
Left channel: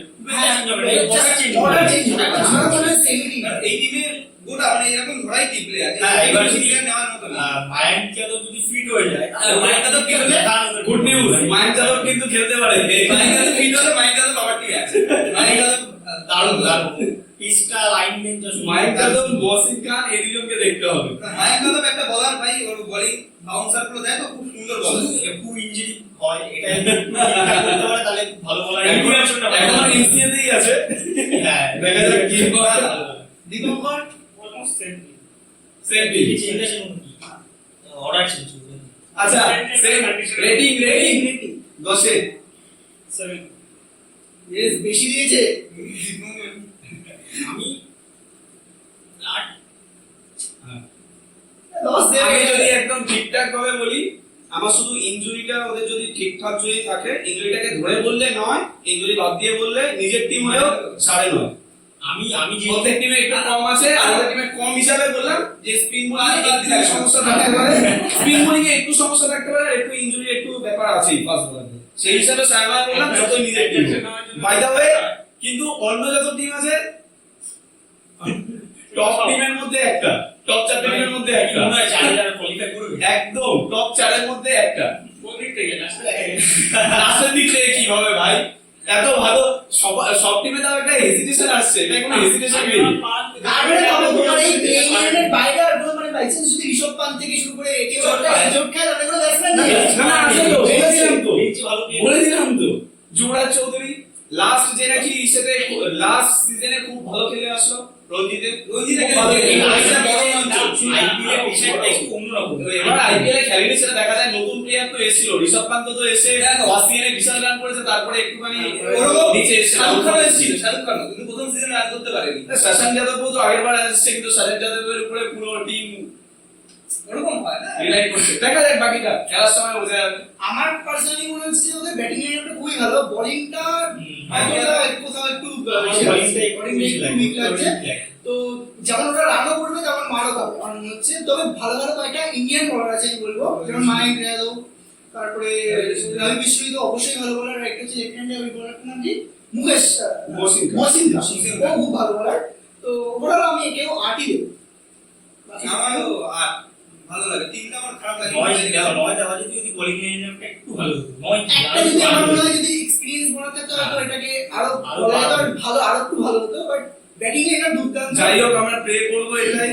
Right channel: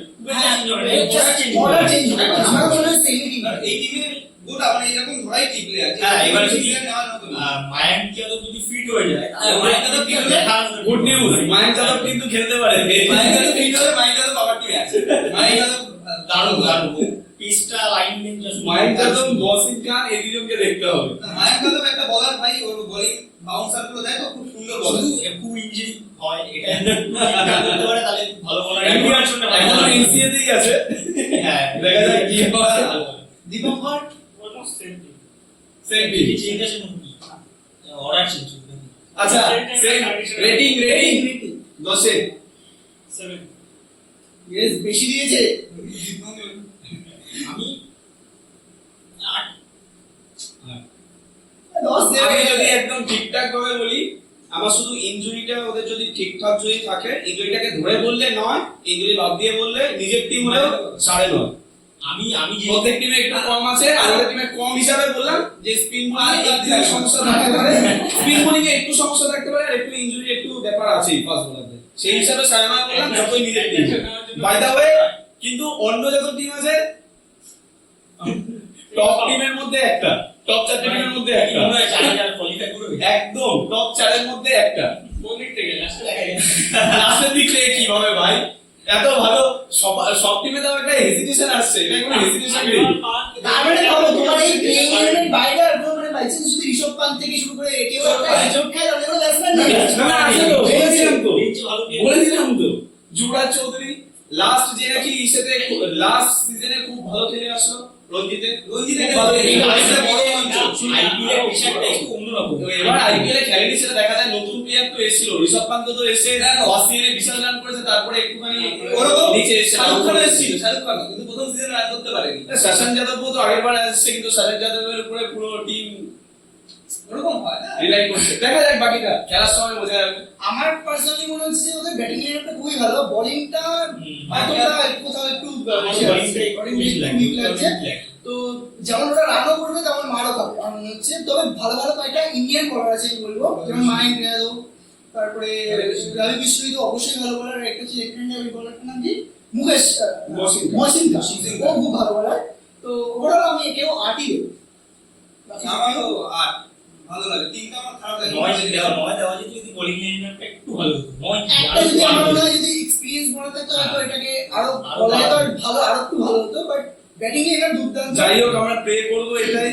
অর্ডার চেঞ্জ হবে। আমার মনে হয় সেমি টিম। আর এই টিমের গোটা মানে এরকম ধরাই টিম প্লেয়ার। হ্যাঁ, এবার প্লেয়ার নেওয়ার মতো না। মায়াঙ্ক যাদব যদি ফিট হয়ে যায়, মায়াঙ্ক যাদব কি হলে গুড নিউজ, মায়াঙ্ক যাদব কিন্তু খেলতে পারে। মায়াঙ্ক যাদব ফিট হলে মায়াঙ্ক যাদব আবার টিম আছে। মায়াঙ্ক যাদব দারুণ পিচটা লাইন লেন্থ মায়াঙ্ক যাদব, বসিং খান, এই দুজনকে দেখতে হবে। মায়াঙ্ক যাদব একটা বলার ভাই, ওর বোলিং বাউন্সার গুলো দেখো খুব সুন্দর বলার। একটু ইনজুরি হয়, এটা করতে পারে তাহলে ভালো বলার। এখনো এমসিএ তেই আছে। হ্যাঁ, দেখা যাক কি হয়। দীপঙ্কর ওরকম সেম সেম টিম। চেঞ্জ আছে মনে কি অর্ডার চেঞ্জ হবে। আচ্ছা, সেম রেটিং 10 এ 7 ইয়েস, বেশি দিয়েছে। আমি 8 10 আমি দেবে। যদি একদম ঠিকঠাক ভাবে বলি, আমার শুধু ইনজুরিটা ওদের যদি ঠিকঠাক যদি থাকে, ইনজুরিটাকে ধরে বললে 9, ইনজুরি বাদ দিয়ে বললে নিজের টিম হলেও 9.5। আমি যে প্রত্যেক টিমে একটু কম আছে, আমাদের টিমে কম হিসাবে বললাম যে স্পিন বোলিং একটু সমস্যা থাকতে পারে, স্পিন বোলিং এ একটু সমস্যা থাকতে পারে, আর একটু ইনজুরি একটু ব্যাপার আছেই ফাস্ট বোলারে। সেই হিসাবে সায়মায় বললাম যতই নিজের টিম। বাই দা ওয়ে, কিন্তু অন্য যত টিম আছে, টপ টিমের মধ্যে একটা, টপ 4 টিমের মধ্যে একটা, মনে হয় 4 কোয়ালিফাই করবে একদম টপ 4 এর মধ্যে একটা। কোন দিক থেকে লাস্টে দেখা যাবে। লাস্টের দিক থেকে কিভাবে ভাই, এত ভালো সব টিমে তো একটা হেজিটেশন আসছে, এটা কোনো হেজিটেশন নেই। তারপরে ভাবো, তোমার এই প্লেইং ইলেভেনের বাইরে আর কোনো মানে বাইসেন্স যদি ঋষভ পান্ত থেকে শুরু করে কেউ একটা হেজট খায়, তাহলে কোনো ব্যাটসম্যান নেই। না আছে তো, ভালো বলে দিলাম তো, যুবরাজ চৌধুরী লাস্ট যে নাকি সাথে লাস্ট সিজনে খুব ভালো খেলে আসলো, রঞ্জিতে রঞ্জিতে খুব ভালো খেলেছে। খেলেছে। আইপিএল বড় মঞ্চ। আইপিএল এর পেশাটা একটু অন্যরকম। এবার আইপিএল এ খেলেনি সেটা দেখা যায়, নতুন প্লেয়ার তো এসেছিল, ঋষভ পান্ত তো এসে দেখো। ফার্স্ট ইয়ারে বিশাল রান করেছে, তারপরে একটুখানি ওরকম নিচে এসেছে। শাহরুখ খান এসেছিল, শাহরুখ খান কিন্তু প্রথম সিজনে রান করতে পারেনি। শাসন যাদবও তো আগের বার আসছে, কিন্তু শাসন যাদবের উপরে পুরো টিম ওরকম হয় না। রিলাই করছে। দেখা যাক বাকিটা খেলার সময় বোঝা যাবে। আমার পার্সোনালি মনে হচ্ছে ওদের ব্যাটিং লাইনটা খুবই ভালো, বোলিংটা কোথাও একটু আমার bowlingটা একটু weak লাগে। weak লাগছে। তো যেমন ওরা রানও করবে তেমন মারও খাবে আমার মনে হচ্ছে। তবে ভালো ভালো কয়েকটা ইন্ডিয়ান বলার আছে আমি বলবো, যেমন মায়াঙ্ক যাদব, তারপরে রবি বিশ্বজিৎ তো অবশ্যই ভালো বলার। একটা হচ্ছে লেফট হ্যান্ড ওই বলারটার নাম কি, মুকেশ মসিনকা, ও খুব ভালো বলার। তো ওভারঅল আমি একেও 8ই দেবো। আমারও আর ভালো লাগে, টিমটা আমার খারাপ লাগে। 9 দেওয়া যেত যদি বোলিং লাইনটা একটু ভালো হতো। 9 একটা যদি আমার মনে হয় যদি এক্সপেরিয়েন্স বলা থাকতো হয়তো এটাকে আরো বলা যেত আর ভালো, আরো একটু ভালো হতো। বাট ব্যাটিং এ এটা দুর্দান্ত। যাই হোক আমরা প্রে করবো এটাই,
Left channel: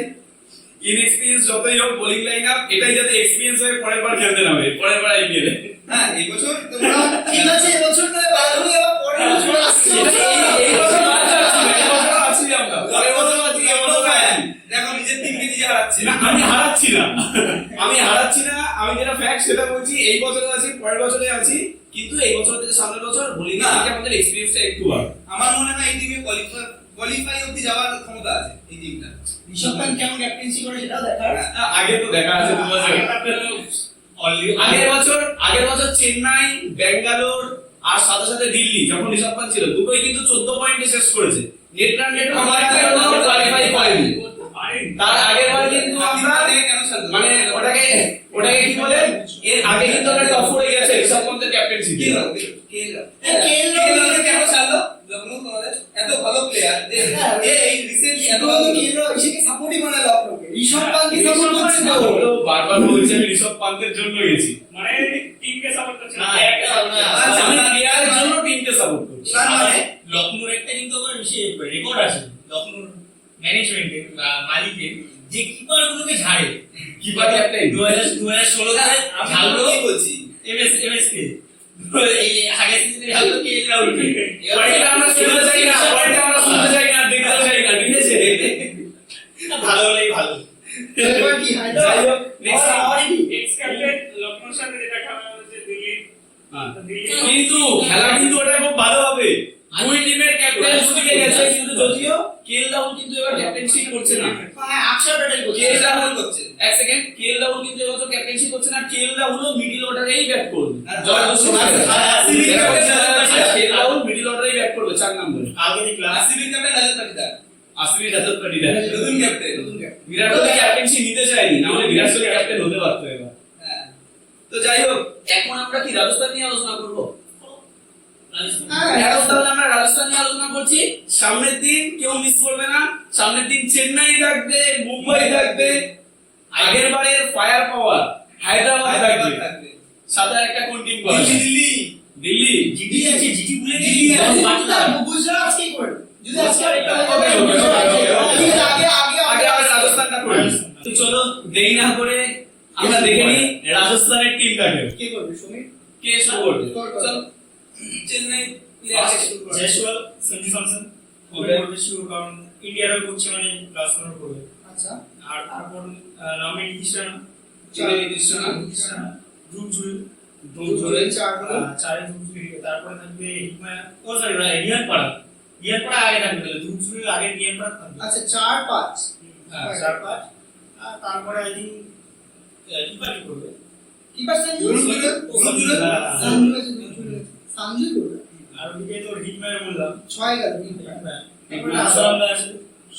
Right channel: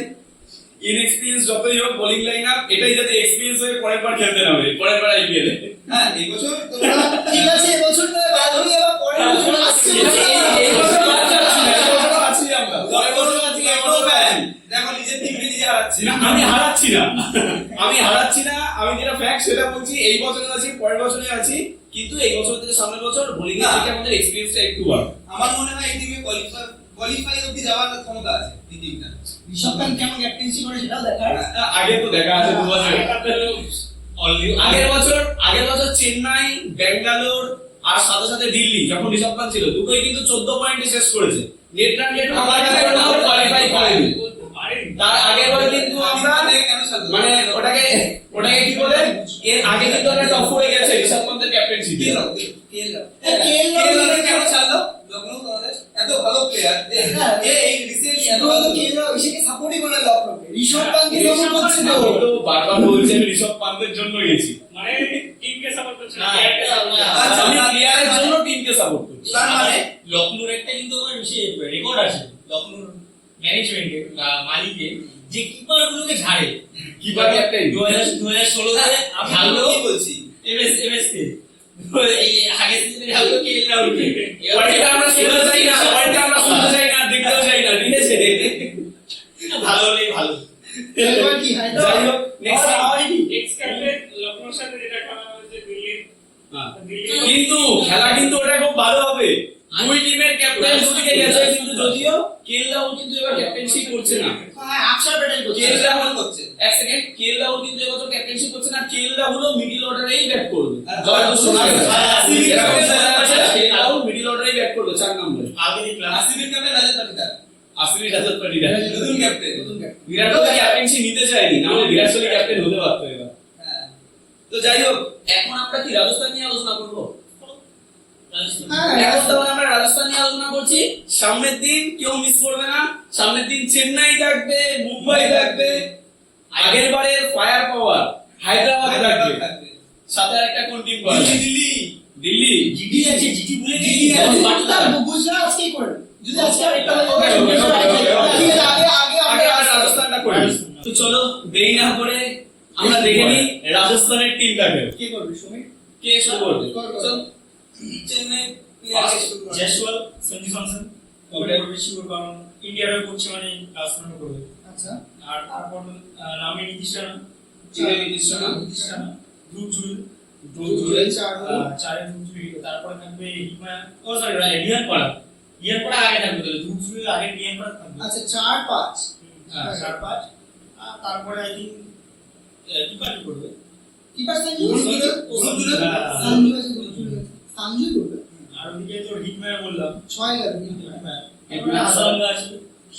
ইনএক্সপিরিয়েন্স যতই হোক বোলিং লাইন আপ এটাই যাতে এক্সপিরিয়েন্স হয়ে পরের বার খেলতে নামে, পরের বার আইপিএল এ। হ্যাঁ, এই বছর ঠিক আছে, এবছর নয় বাদ হলে আবার পরের বছর আসছে। এই বছর বাদ যাচ্ছি না, এই বছর আছি আমরা, পরের বছর আছি, এই বছর আছি। দেখো নিজের টিমকে নিজে হারাচ্ছে। না, আমি হারাচ্ছি না, আমি হারাচ্ছি না, আমি যেটা ফ্যাক্ট সেটা বলছি। এই বছরে আছি, পরের বছরে আছি, কিন্তু এই বছর থেকে সামনের বছর বোলিং এর থেকে আমাদের এক্সপিরিয়েন্সটা একটু বাড়বে। আমার মনে হয় এই টিমে কোয়ালিফাই অবধি যাওয়ার ক্ষমতা আছে এই টিমটা। ঋষভ পান্ত কেমন ক্যাপ্টেন্সি করে সেটাও দেখার। আগে তো দেখা আছে 2 বছর আগের বছর চেন্নাই, ব্যাঙ্গালোর আর সাথে সাথে দিল্লি যখন ঋষভ পান্ত ছিল, দুটোই কিন্তু 14 পয়েন্টে শেষ করেছে। নেট রান রেট কোয়ালিফাই করেনি। তার আগের বার কিন্তু আমরা মানে ওটাকে কি বলে, এর আগে কিন্তু আমরা টপ 4 এ গেছে ঋষভ পান্তের ক্যাপ্টেন্সি তে। কেন ছাড়লো লখনৌ? তোমাদের এত ভালো প্লেয়ার এই রিসেন্টলি এত এত কেন্দ্র এসেকে সাপোর্টই করে লখনৌকে, ঋষভ পান্তকে সাপোর্ট করছে না। আমি তো বারবার বলছি আমি ঋষভ পান্তের জন্য গেছি, মানে টিমকে সাপোর্ট করছে না, আচ্ছা, আমি প্লেয়ারের জন্য টিমকে সাপোর্ট করছি। তার মানে লখনৌর একটা কিন্তু আবার রেকর্ড আছে লখনৌর ম্যানেজমেন্টের বা মালিকের, যে কিপার গুলোকে ঝাড়ে। কিপার ক্যাপ্টেন 2016 তে আমি ঝাড়লো কি বলছি? এমএস কে, এই আগের সিজনে ঝাড়লো কে রাহুলকে। পয়েন্টটা আমরা শুনতে চাই না, পয়েন্টটা আমরা শুনতে চাই না, দেখতেও চাই না, ঠিক আছে? ভালো হলেই ভালো। এবার কি হয়? যাই হোক, next এক্স ক্যাপ্টেন লখনৌর সাথে যেটা খেলা হচ্ছে দিল্লি, কিন্তু খেলা কিন্তু ওটা খুব ভালো হবে। দুই টিমের ক্যাপ্টেন দুদিকে গেছে, কিন্তু যদিও কেএল রাহুল কিন্তু এবার ক্যাপ্টেনশিপ করছে না। হ্যাঁ, আকসার ব্যাটারি করছে। কেএল রাহুল করছে। এক সেকেন্ড, কেএল রাহুল কিন্তু এবছর ক্যাপ্টেনশিপ করছে না। কেএল রাহুলও মিডল অর্ডারেই ব্যাট করবে। জয়দুল সোনার কেএল রাহুল মিডল অর্ডারেই ব্যাট করবে 4 নম্বরে। আগে দেখলাম আরসিবির ক্যাপ্টেন রাজত পাটিদার, আসলে রাজত পাটিদার নতুন ক্যাপ্টেন। বিরাট কোহলি ক্যাপ্টেনশিপ নিতে চায়নি, না হলে বিরাট কোহলি ক্যাপ্টেন হতে পারতো এবার। হ্যাঁ, তো যাই হোক, এখন আমরা কি রাজস্থান নিয়ে আলোচনা করবো? হ্যাঁ, এখন তাহলে আমরা রাজস্থান নিয়ে আলোচনা করছি। সামনের দিন কেউ মিস করবে না, সামনের দিন চেন্নাই থাকবে, মুম্বাই থাকবে, আগের বারের ফায়ার পাওয়ার হায়দ্রাবাদ থাকবে, থাকবে। সাথে একটা কোন টিম দিল্লি দিল্লি জিটি আছে, জিটি ভুলে গেছি। দিল্লি আছে, বাটলার। গুজরাট আজকেই করে। যদি আজকে একটা Okay, okay, okay, okay. ঠিক আছে, আগে আগে আমরা রাজস্থানটা করি। তো চলো দেরি না করে আমরা দেখে নিই রাজস্থানের টিমটাকে। কি করবে সুমিত? কে শুরু করবে? চল। চেন্নাই প্লেয়ার শুরু করে। Jaiswal, Sanju Samson Okay. করবে শিওর, কারণ ইন্ডিয়ার হয়ে করছে মানে রাজস্থানও করবে। আচ্ছা, আর তারপর নামে নিতিশ রানা, ধ্রুব জুড়ি, চার হলো। চারে ধ্রুব জুড়ি, তারপরে থাকবে হিটম্যান, ও সরি রিয়ান পাড়া আগে থাকবে, তাহলে ধ্রুব জুড়ির আগে রিয়ান পাড়া থাকবে। আচ্ছা 4-5 হ্যাঁ 4-5। আর তারপরে আই থিঙ্ক কিপার কি করবে, কিপার সঞ্জু সঞ্জু করবে। আর ওদিকে তো হিটম্যান বললাম 6 গেল। তারপরে আসারাঙ্গা আছে,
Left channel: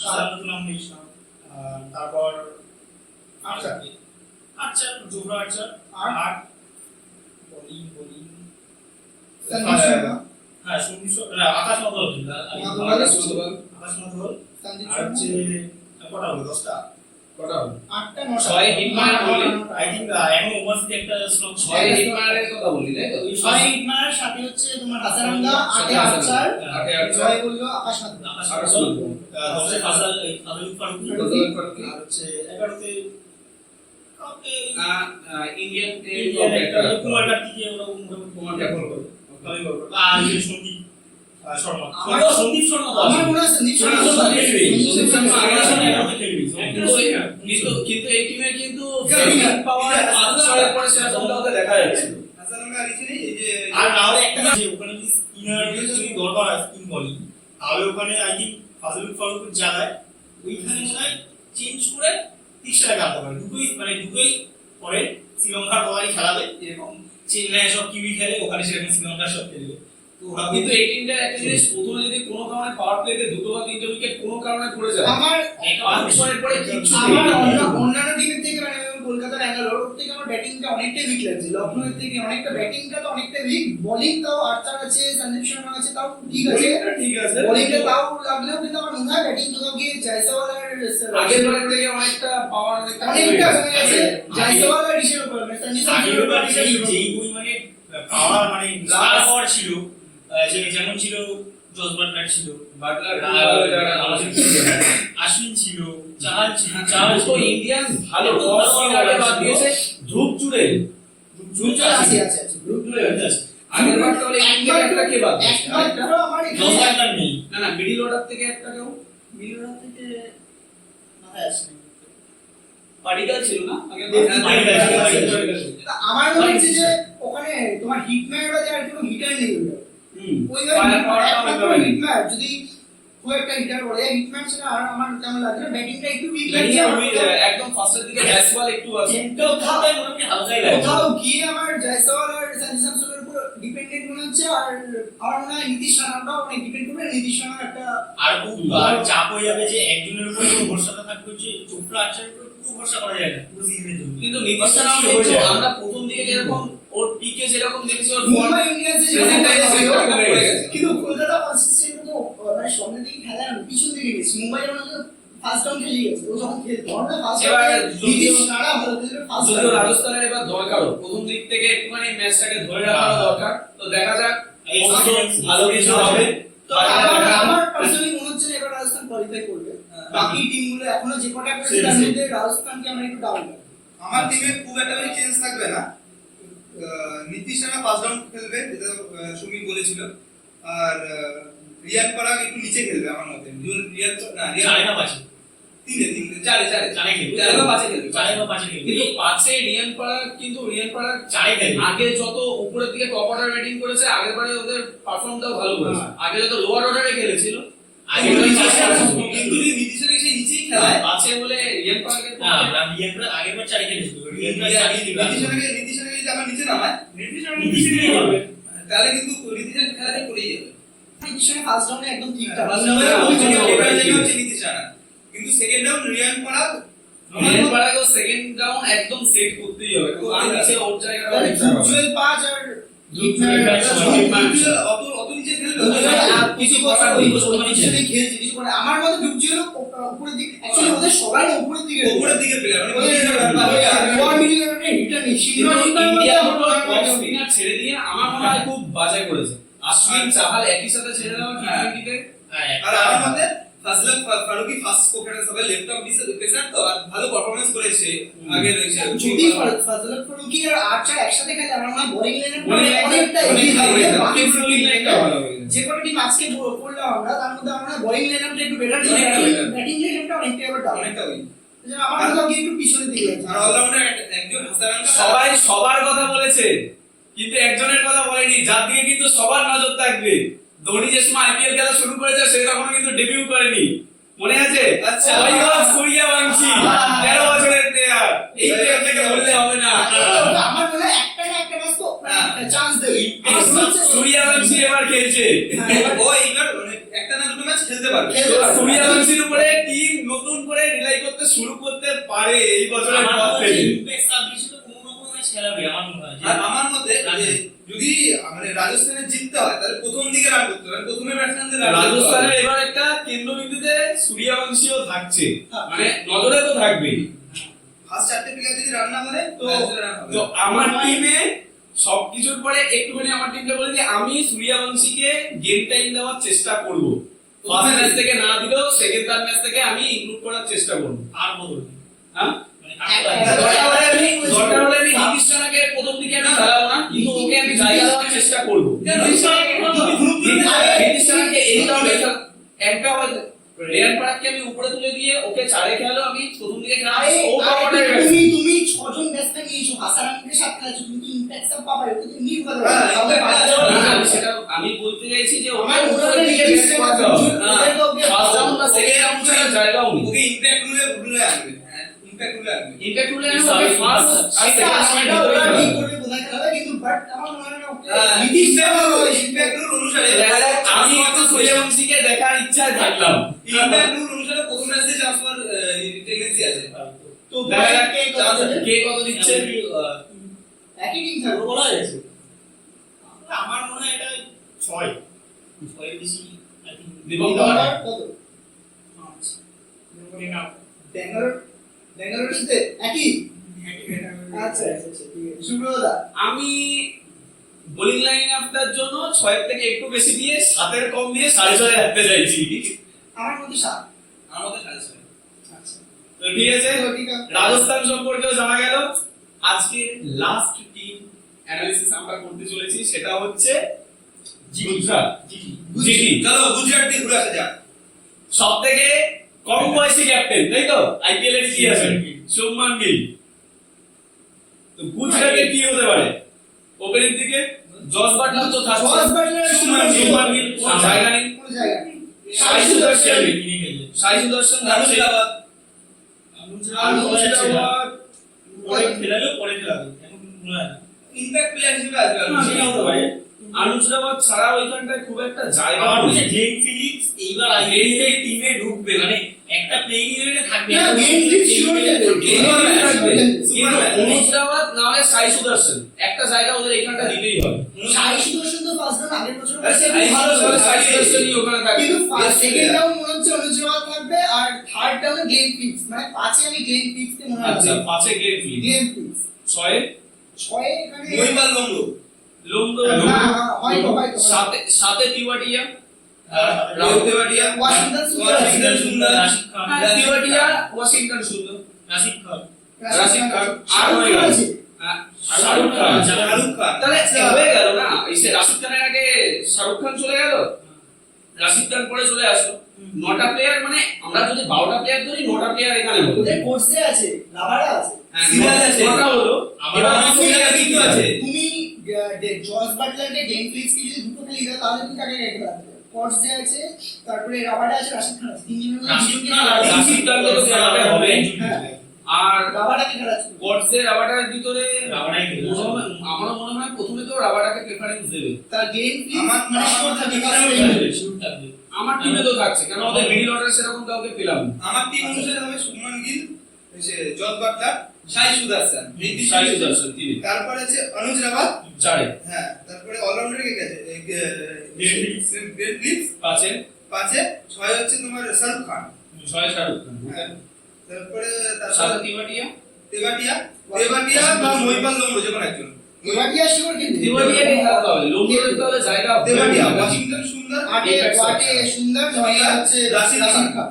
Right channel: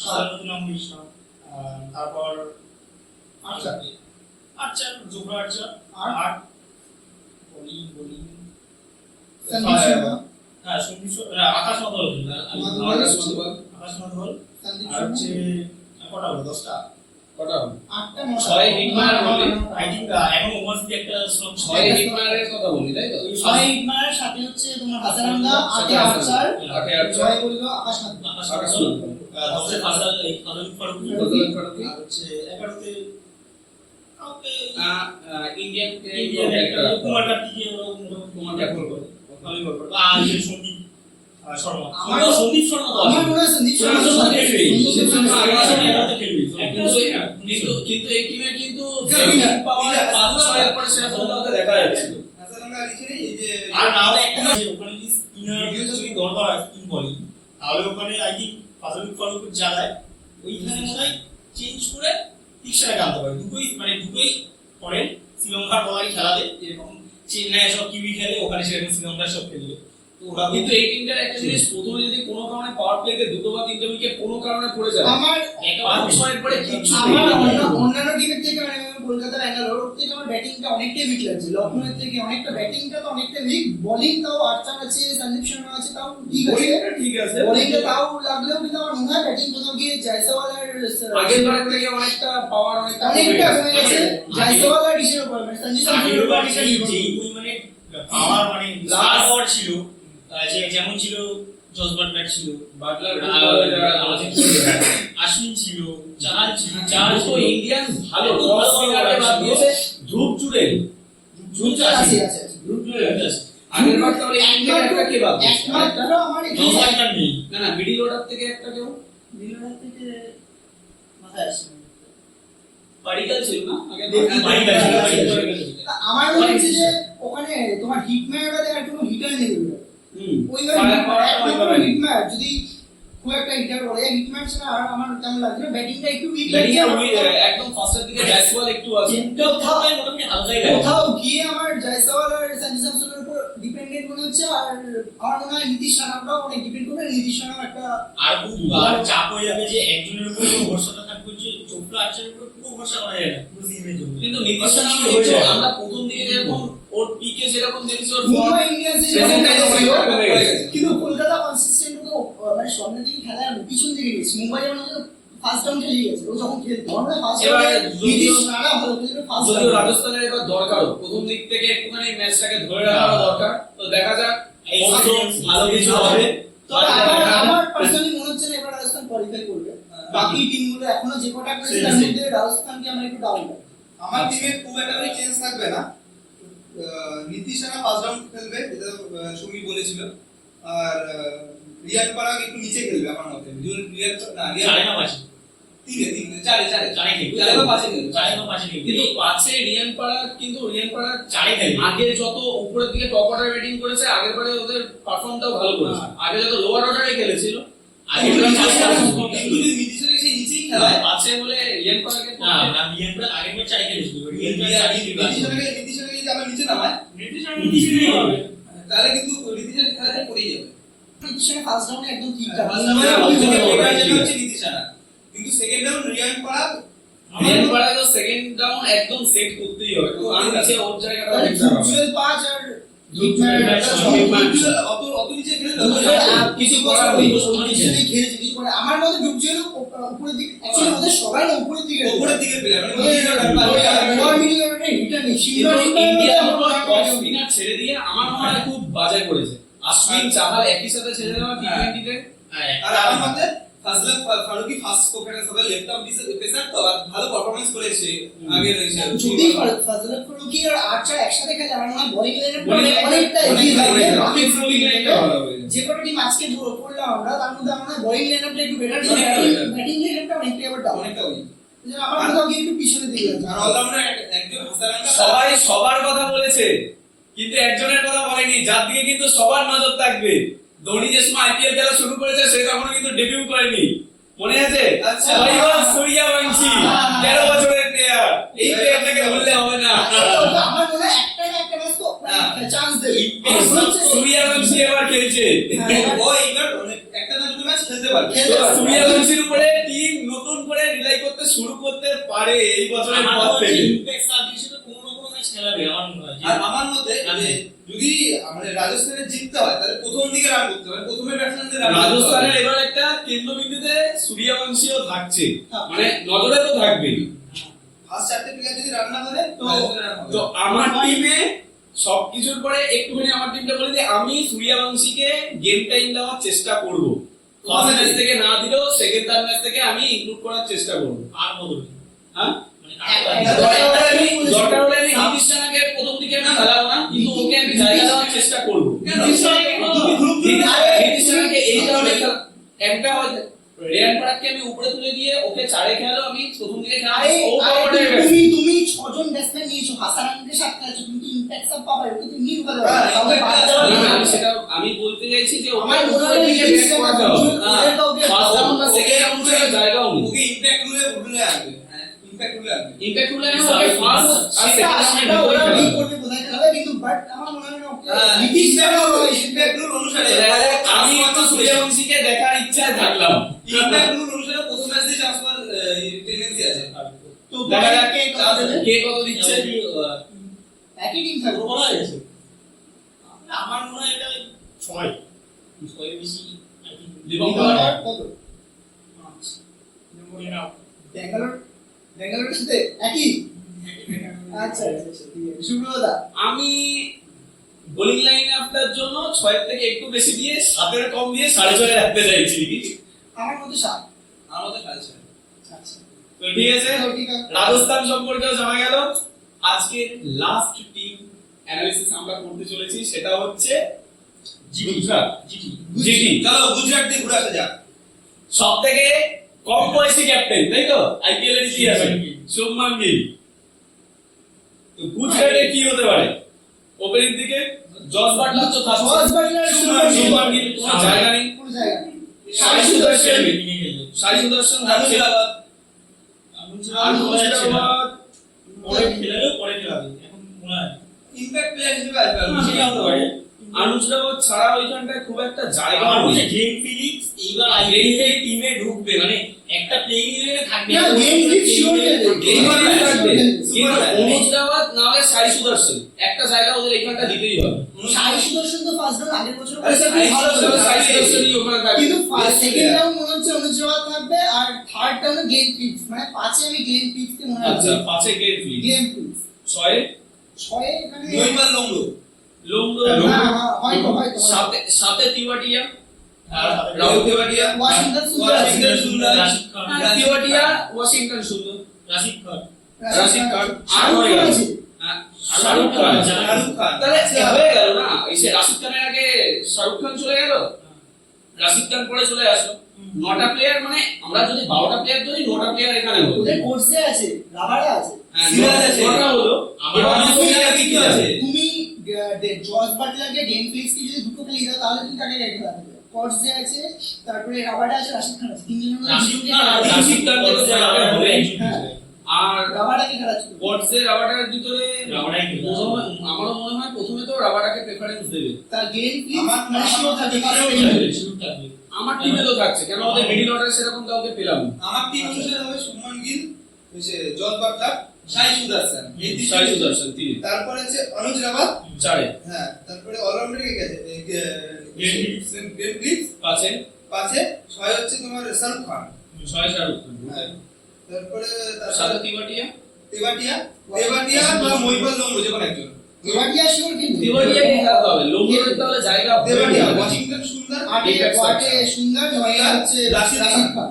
আসারাঙ্গা তো নাম নিস না। তারপর আচ্ছা জোফরা আচ্ছা, আর বলি সঞ্জু শর্মা, হ্যাঁ সঞ্জু না আকাশ মাধবল, আকাশ মাধবল। সঞ্জু আর হচ্ছে কটা হলো, 10টা, কটা হবে? 8টা 9টা। 6 হিটম্যান বলি, আই থিঙ্ক এখন ওভারসিটি একটা স্লট 6 হিটম্যানের কথা বলি, তাই তো? 6 হিটমার, সাথে হচ্ছে তোমার হাসারাঙ্গা, 8 আফসার, 8 জয় বললো আকাশ মাধবন। আকাশ আকাশ মাধবল, মাধবল। 10 ফাজাল ফারুকি, আর হচ্ছে 11তে ইন্ডিয়ান ইন্ডিয়ান একটা কুমার কার্তিকে ওরা মোটামুটি কুমার কার্তিক ভালোই করবে। আর যে সন্দীপ শর্মা আমার- সন্দীপ শর্মা তো আমার আছে। মনে হয় সন্দীপ শর্মা সন্দীপ শর্মা খেলবে। সন্দীপ শর্মা আগে আছে, এগারোতে খেলবে। কিন্তু এই টিমে কিন্তু বিরাট পাওয়ার 5-6 পরে সেরকমটা ওকে দেখা যাচ্ছিল। হাসান আমরা লিখে নেই এই যে আর না হলে একটা আছে, ওখানে যদি স্পিনার যদি দরকার হয় স্পিন বলিং, তাহলে ওখানে আই থিঙ্ক ফাজলুল ফারুকের জায়গায় ওইখানে মনে হয় চেঞ্জ করে তিক্সাটাকে আনতে পারে। দুটোই পরে শ্রীলঙ্কার বলারই খেলাবে, এরকম চেন্নাই সব কিউই খেলে, ওখানে সেরকম শ্রীলঙ্কার সব খেলবে। তো ওরা কিন্তু এই টিমটার একটা জিনিস, প্রথমে যদি কোনো কারণে পাওয়ার প্লেতে 2 বা 3টে উইকেট কোনো কারণে পড়ে যায়, আমার 5-6 পরে কিচ্ছু আমার নেই। অন্যান্য টিমের থেকে মানে কলকাতা ব্যাঙ্গালোর ওর থেকে আমার ব্যাটিংটা অনেকটাই উইক লাগছে। লখনৌর থেকে অনেকটা ব্যাটিংটা তো অনেকটা উইক, বোলিং তাও আর্চার আছে, সন্দীপ শর্মা আছে, তাও ঠিক আছে, বোলিংটা ঠিক আছে। বোলিংটা তাও লাগলেও কিন্তু আমার মনে হয় ব্যাটিং কোথাও গিয়ে জয়সওয়াল আর আগের বারের থেকে অনেকটা পাওয়ার অনেকটা অনেকটা কমে গেছে। জয়সওয়াল আর ঋষভ মানে সঞ্জু আগের বার স্যামসনের উপর যেই পরিমাণে পাওয়ার মানে স্টার পাওয়ার ছিল, যেমন ছিল জসবার ব্যাট ছিল, বাটলার আশ্বিন ছিল, চাহাল ছিল, তো ইন্ডিয়ান ভালো টপ স্পিনারে বাদ দিয়েছে ধ্রুব জুড়েল। আছে আছে আছে ধ্রুব জুড়েল আছে। আগের বার তাহলে ইন্ডিয়ান একটা কে বাদ দিয়েছে? একমাত্র আমার এখানে জসবার নেই। না মিডল অর্ডার থেকে একটা কেউ মিলন থেকে মাথায় আসছে না। পাডিকাল ছিল না আগের আমার মনে হচ্ছে যে ওখানে তোমার হিটম্যান বাদে আর কোনো হিটার নেই ওটা। ওইভাবে একমাত্র হিটম্যান যদি খুব একটা হিটার বলে হিটম্যান ছাড়া আর আমার তেমন লাগছে না। ব্যাটিংটা একটু উইক লাগছে একদম ফার্স্টের দিকে জয়সওয়াল একটু আছে। মোটামুটি হালকাই লাগে। কোথাও গিয়ে আমার জয়সওয়াল আর সঞ্জু স্যামসনের উপর ডিপেন্ডেন্ট মনে হচ্ছে। আর আমার মনে হয় নীতিশ রানাটাও অনেক ডিপেন্ড করবে। নীতিশ রানা একটা আর খুব চাপ হয়ে যাবে যে একজনের উপর পুরো ভরসাটা থাকবে, যে চোপড়া আচারের উপর পুরো ভরসা করা যায় না পুরো সিজনের জন্য। কিন্তু নীতিশ রানাও হয়ে দেখছো, যায়। আমরা প্রথম দিকে যেরকম ওর পিকে যেরকম দেখছি ওর মুম্বাই ইন্ডিয়ান্সের যে Present time কমে কমে গেছে। গেছে। কিন্তু কলকাতা কনসিস্টেন্ট তো মানে সামনের দিকে খেলা পিছন দিকে গেছে। মুম্বাই যেমন ফার্স্ট ডাউন খেলে গেছে, ও যখন খেলতো আমরা ফার্স্ট এবার ডাউন যদিও- নীতিশ রানা ভালো খেলে ফার্স্ট যদিও ডাউন রাজস্থানের এবার দরকারও প্রথম দিক থেকে একটুখানি ম্যাচটাকে ধরে রাখার দরকার। তো দেখা যাক এই অবশ্য season ভালো কিছু হবে। তো আমার পার্সোনালি মনে হচ্ছে না এবার রাজস্থান কোয়ালিফাই করবে। বাকি টিমগুলো এখনো যে কটা করেছে তার মধ্যে রাজস্থানকে আমার একটু ডাউন লাগে। আমার টিমে খুব একটা বেশি চেঞ্জ থাকবে না। নীতিশ রানা ফার্স্ট রাউন্ড খেলবে, যেটা সুমিত বলেছিল। আর রিয়ান পরাগ একটু নিচে খেলবে আমার মতে। রিয়ান না চারে রিয়ান না পাঁচে? চারে চারে খেলবে। চারে বা পাঁচে খেলবে। চারে বা পাঁচে খেলবে। কিন্তু পাঁচে রিয়ান পারাগ, কিন্তু রিয়ান পারাগ চারে খেলবে। আগে যত উপরের দিকে টপ অর্ডার ব্যাটিং করেছে আগের বারে ওদের পারফর্মটাও ভালো করেছে। আগে যত লোয়ার অর্ডারে খেলেছিল আগে কিন্তু চারে খেলবে। কিন্তু যদি নীতিশ রানা সেই নিচেই খেলায়, পাঁচে বলে রিয়ান পারাগের না, না, রিয়ানপুরা আগের বার চারে খেলেছিল। রিয়ানপুরা চারে খেলবে। নীতিশ রানাকে যদি আবার নিচে নামায়, নিচে হবে। তাহলে কিন্তু নীতিশ রানা খেলাতে পড়েই যাবে। নীতিশ রানা ফার্স্ট ডাউনে একদম ঠিকঠাক। নীতিশ রানা কিন্তু সেকেন্ড রাউন্ড রিয়ান পরাগ রিয়ান পারাগও সেকেন্ড ডাউন একদম সেট করতেই হবে। কারণ নিচে ওর জায়গাটা তাহলে অনেক খারাপ। জুয়েল পাঁচ আর জুয়েল পাঁচ, অত নিচে খেলবে কিছু বছর পজিশনে খেলছে কিছু করে আমার মতে ডুবজেল উপরের দিকে অ্যাকচুয়ালি ওদের সবাই না উপরের দিকে উপরের দিকে প্লেয়ার মানে লোয়ার মিডল অর্ডারে হিটার নেই কিন্তু সিংহ ইন্ডিয়া টপ স্পিনার ছেড়ে দিয়ে আমার মনে হয় খুব বাজে করেছে। আশ্বিন চাহাল একই সাথে ছেড়ে দেওয়া টি20 তে। আর আমার মতে ফাজলাক ফারুকি ফার্স্ট ওখানে সবাই লেফট অফ পেসার তো আর ভালো পারফরম্যান্স করেছে আগে রয়েছে যদি ফাজলাক ফারুকি আর আর্চার একসাথে খেলে আমার মনে হয় বোলিং লাইনে Bowling অনেকটা অনেক এগিয়ে ভালো থাকবে হয়ে বাকি যাবে। ফিল্ডিং Bowling line-টা ভালো হয়ে যাবে। যে কটা টিম আজকে পড়লাম আমরা তার মধ্যে আমার মনে হয় বোলিং লাইনআপটা একটু বেটার অনেকটা better। ব্যাটিং লাইনআপটা অনেকটাই আবার ডাউন অনেকটা ওই আমার কোথাও গিয়ে একটু পিছনে দিকে যাচ্ছে আর অলরাউন্ডার একজন হাসারাঙ্কা সবাই সবার কথা বলেছে কিন্তু একজনের কথা বলেনি, যার দিকে কিন্তু সবার নজর থাকবে। ধোনি যে সময় আইপিএল খেলা শুরু করেছে সে তখনও কিন্তু ডেবিউ করেনি, মনে আছে? আচ্ছা। বৈভব সূর্যবংশী 13 বছরের প্লেয়ার। এই প্লেয়ারটাকে বললে হবে না। আমার মনে হয় একটা না একটা ম্যাচ তো চান্স দেবে সূর্যবংশী এবার খেলছে। ও এইবার একটা না দুটো ম্যাচ খেলতে পারবে সূর্যবংশীর উপরে টিম নতুন করে রিলাই করতে শুরু করতে পারে এই বছরের আমার পর মনে থেকে। হচ্ছে ইম্প্যাক্ট সাবডিভিশনে কোনো না কোনো ম্যাচ খেলাবে আমার মনে হয়। আর আমার মতে যে যদি মানে রাজস্থানে জিততে হয় তাহলে প্রথম দিকে রান করতে হবে, প্রথমে ব্যাটসম্যানদের রান রাজস্থানের এবার একটা কেন্দ্রবিন্দুতে সূর্যবংশীও থাকছে, মানে নজরে তো থাকবেই। ফার্স্ট চারটে প্লেয়ার যদি রান না করে তো রান হবে তো আমার টিমে সবকিছুর পরে একটুখানি আমার টিমটা বলে দিই, আমি সূর্যবংশীকে গেম টাইম দেওয়ার চেষ্টা করব। ফার্স্ট ম্যাচ থেকে না দিলেও সেকেন্ড থার্ড ম্যাচ থেকে আমি ইনক্লুড করার চেষ্টা করব। আর বদল হ্যাঁ, মানে দরকার হলে আমি নীতিশ রানাকে প্রথম দিকে আমি খেলাবো না, কিন্তু ওকে আমি জায়গা দেওয়ার চেষ্টা করব। তুমি ধ্রুব নীতিশ রানাকে এই কারণে একটা হয়তো রেয়ান পরাগকে আমি উপরে তুলে দিয়ে ওকে চারে খেলালো, আমি প্রথম দিকে খেলাম আরে ও পাওয়ারে তুমি 6 জন ব্যাটসম্যান নিয়েছো, হাসানকে 7 খেলেছো, কিন্তু ইমপ্যাক্ট সব পাবা, ওকে তুমি নিউ ভালো হ্যাঁ, সেটা আমি বলতে চাইছি যে আমার ওকে মনে হয় উপরে এই দিকে জিনিসটা করাতে হবে। ফার্স্ট রাউন্ড না ওকে সেকেন্ড রাউন্ড ছাড়া জায়গাও নেই। ওকে ইমপ্যাক্ট রুলে আনবে। হ্যাঁ, ইমপ্যাক্ট রুলে আনবে। ইমপ্যাক্ট রুলে আমি ওকে ফার্স্ট আর সেটা সেকেন্ড সেটা ওরা রাউন্ডে ঠিক করবে বোঝা গেল, কিন্তু বাট আমার মনে হয় না হ্যাঁ, নীতিশ ইমপ্যাক্ট রুল অনুসারে আমি একটু সূর্যবংশীকে দেখার ইচ্ছায় থাকলাম। ইমপ্যাক্ট রুল অনুসারে প্রথম ম্যাচ দিয়ে ট্রান্সফার টেন্ডেন্সি আছে। তো দেখা যাক কে কত দেবে? কে কত দিচ্ছে। একই টিম থাকবে। বলা যাচ্ছে আমার মনে হয় এটা 6 6 এর বেশি আই থিং দিবঙ্কর কত? 5 নম্বরে নাও ব্যাঙ্গালোরের সাথে একই? আচ্ছা আচ্ছা আচ্ছা, ঠিক আছে। সুব্রতদা, আমি বোলিং লাইন আপটার জন্য 6 থেকে একটু বেশি দিয়ে 7 এর কম দিয়ে 6.5 রাখতে চাইছি। আমার মধ্যে 7। আমার মতে 6.5। আচ্ছা তো ঠিক আছে, তো ঠিক আছে। রাজস্থান সম্পর্কেও জানা গেল। আজকের লাস্ট টিম অ্যানালিসিস আমরা করতে চলেছি, সেটা হচ্ছে গুজরাট। জিটি চলো গুজরাট দিয়ে ঘুরে আসা যাক। সবথেকে কম বয়সী ক্যাপ্টেন, তাই তো আইপিএল এর ইতিহাসে শুভমান গিল। তো গুজরাটে কি হতে পারে? ওপেনিং দিকে জস বাটলার তো থাকছে, জস বাটলার, শুভমান গিল কোনো জায়গা নেই, কোনো জায়গা নেই। সাই সুদর্শন থাকছে, অনুজরাবাদ পরে খেলাবে এখন মনে হয় না। ইমপ্যাক্ট প্লেয়ার হিসেবে আসবে সেটা হতে পারে। আনুজরাবাদ ছাড়া ওইখানটায় খুব একটা জায়গা আমার মনে নেই। হয় গ্লেন ফিলিপস এইবার আইপিএল টিমে ঢুকবে, মানে একটা প্লেইং ইলেভেনে থাকবে। না, গ্লেন ফিলিপস sure খেলবে। এইবার থাকবে। কিন্তু সুপারম্যান। অনুজরাবাদ না হলে সাই সুদর্শন, একটা জায়গা ওদের এখানটা দিতেই হবে। সাই সুদর্শন তো ফার্স্ট রাউন্ড আগের বছর আরে করেছে, সাই ভালো সুদর্শন, ছিল। সাই সুদর্শনই ওখানে থাকবে। কিন্তু সেকেন্ড player। রাউন্ড মনে হচ্ছে অনুজবাদ থাকবে, আর থার্ড রাউন্ডে গ্লেন ফিলিপস, মানে 5 আমি গ্লেন ফিলিপসকে মনে আচ্ছা, হচ্ছে। 5 এ গেট ফিলিপ, গ্লেন ফিলিপস 6 এ 6 এখানে মহিপাল লংডো। লুমডো, না, হয়তো 7 এ তিওয়াটিয়া, রাহুল তেওয়াটিয়া, ওয়াশিংটন সুন্দর আছে। ওয়াশিংটন সুন্দর, রাশিদ খান, তিওয়াটিয়া, ওয়াশিংটন সুন্দর, রাশিদ খান, রাশিদ খান, আর শাহরুখ হয়ে খান গেল। আছে। শাহরুখ খান। শাহরুখ খান। তাহলে হয়ে গেল না, এই সে রাশিদ খানের আগে শাহরুখ খান চলে গেল, রাশিদ খান পরে চলে আসো। 9টা প্লেয়ার, মানে আমরা যদি 12টা প্লেয়ার ধরি, 9টা প্লেয়ার এখানে হলো। ওদের কোর্সে আছে, রাবারা আছে। হ্যাঁ, সিরাজ আছে। 9টা হলো। আমার এবার মনে হয় তুমি সিরাজ কি আছে? তুমি জর্জ বাটলারকে গ্লেন ফিলিপসকে যদি দুটো খেলে দাও, তাহলে তুমি কাকে কাকে খেলাবে? কোর্সে আছে, তারপরে রাবারা আছে, রাশিদ খান আছে। তিনজনের মধ্যে রাশিদ দুজনকে খান আর খেলাবে। রাশিদ খানকে তো খেলাতে হবে। হ্যাঁ। আর রাবারাকে খেলাচ্ছে। গডসে রাবাটার ভিতরে রাবাটাই খেলবে। আমারও মনে হয় প্রথমে তো রাবাটাকে প্রেফারেন্স দেবে। তার গ্লেন ফিলিপস আমার মানে শিওর থাকে, কারণ শুরু থাকবে। আমার টিমে তো থাকছে, কেন ওদের মিডল অর্ডার সেরকম কাউকে পেলাম না। আমার টিম অনুসারে হবে শুভমান গিল, জস বাটলার, সাই সুদর্শন, এই তিনজন। সাই সুদর্শন 3, তারপরে আছে অনুজ রাবাত। 4 এ, হ্যাঁ, তারপরে অলরাউন্ডারে কে গেছে? Glenn Phillips. Glenn Phillips. 5 এ, 5-এ 6 হচ্ছে তোমার শাহরুখ খান। 6 শাহরুখ খান, হ্যাঁ, তারপরে 7 তিওয়াটিয়া, তেবাটিয়া বা মহিপাল লংডো, যে কোনো একজন। তেবাটিয়া শিওর কিন্তু। তিওয়াটিয়াকে খেলাতে হবে, লোমডোর তাহলে জায়গা হবে। তেবাটিয়া, ওয়াশিংটন সুন্দর, আটে ওয়াটে সুন্দর, নয়ে হচ্ছে রাশিদ রাশিদ খান, খান।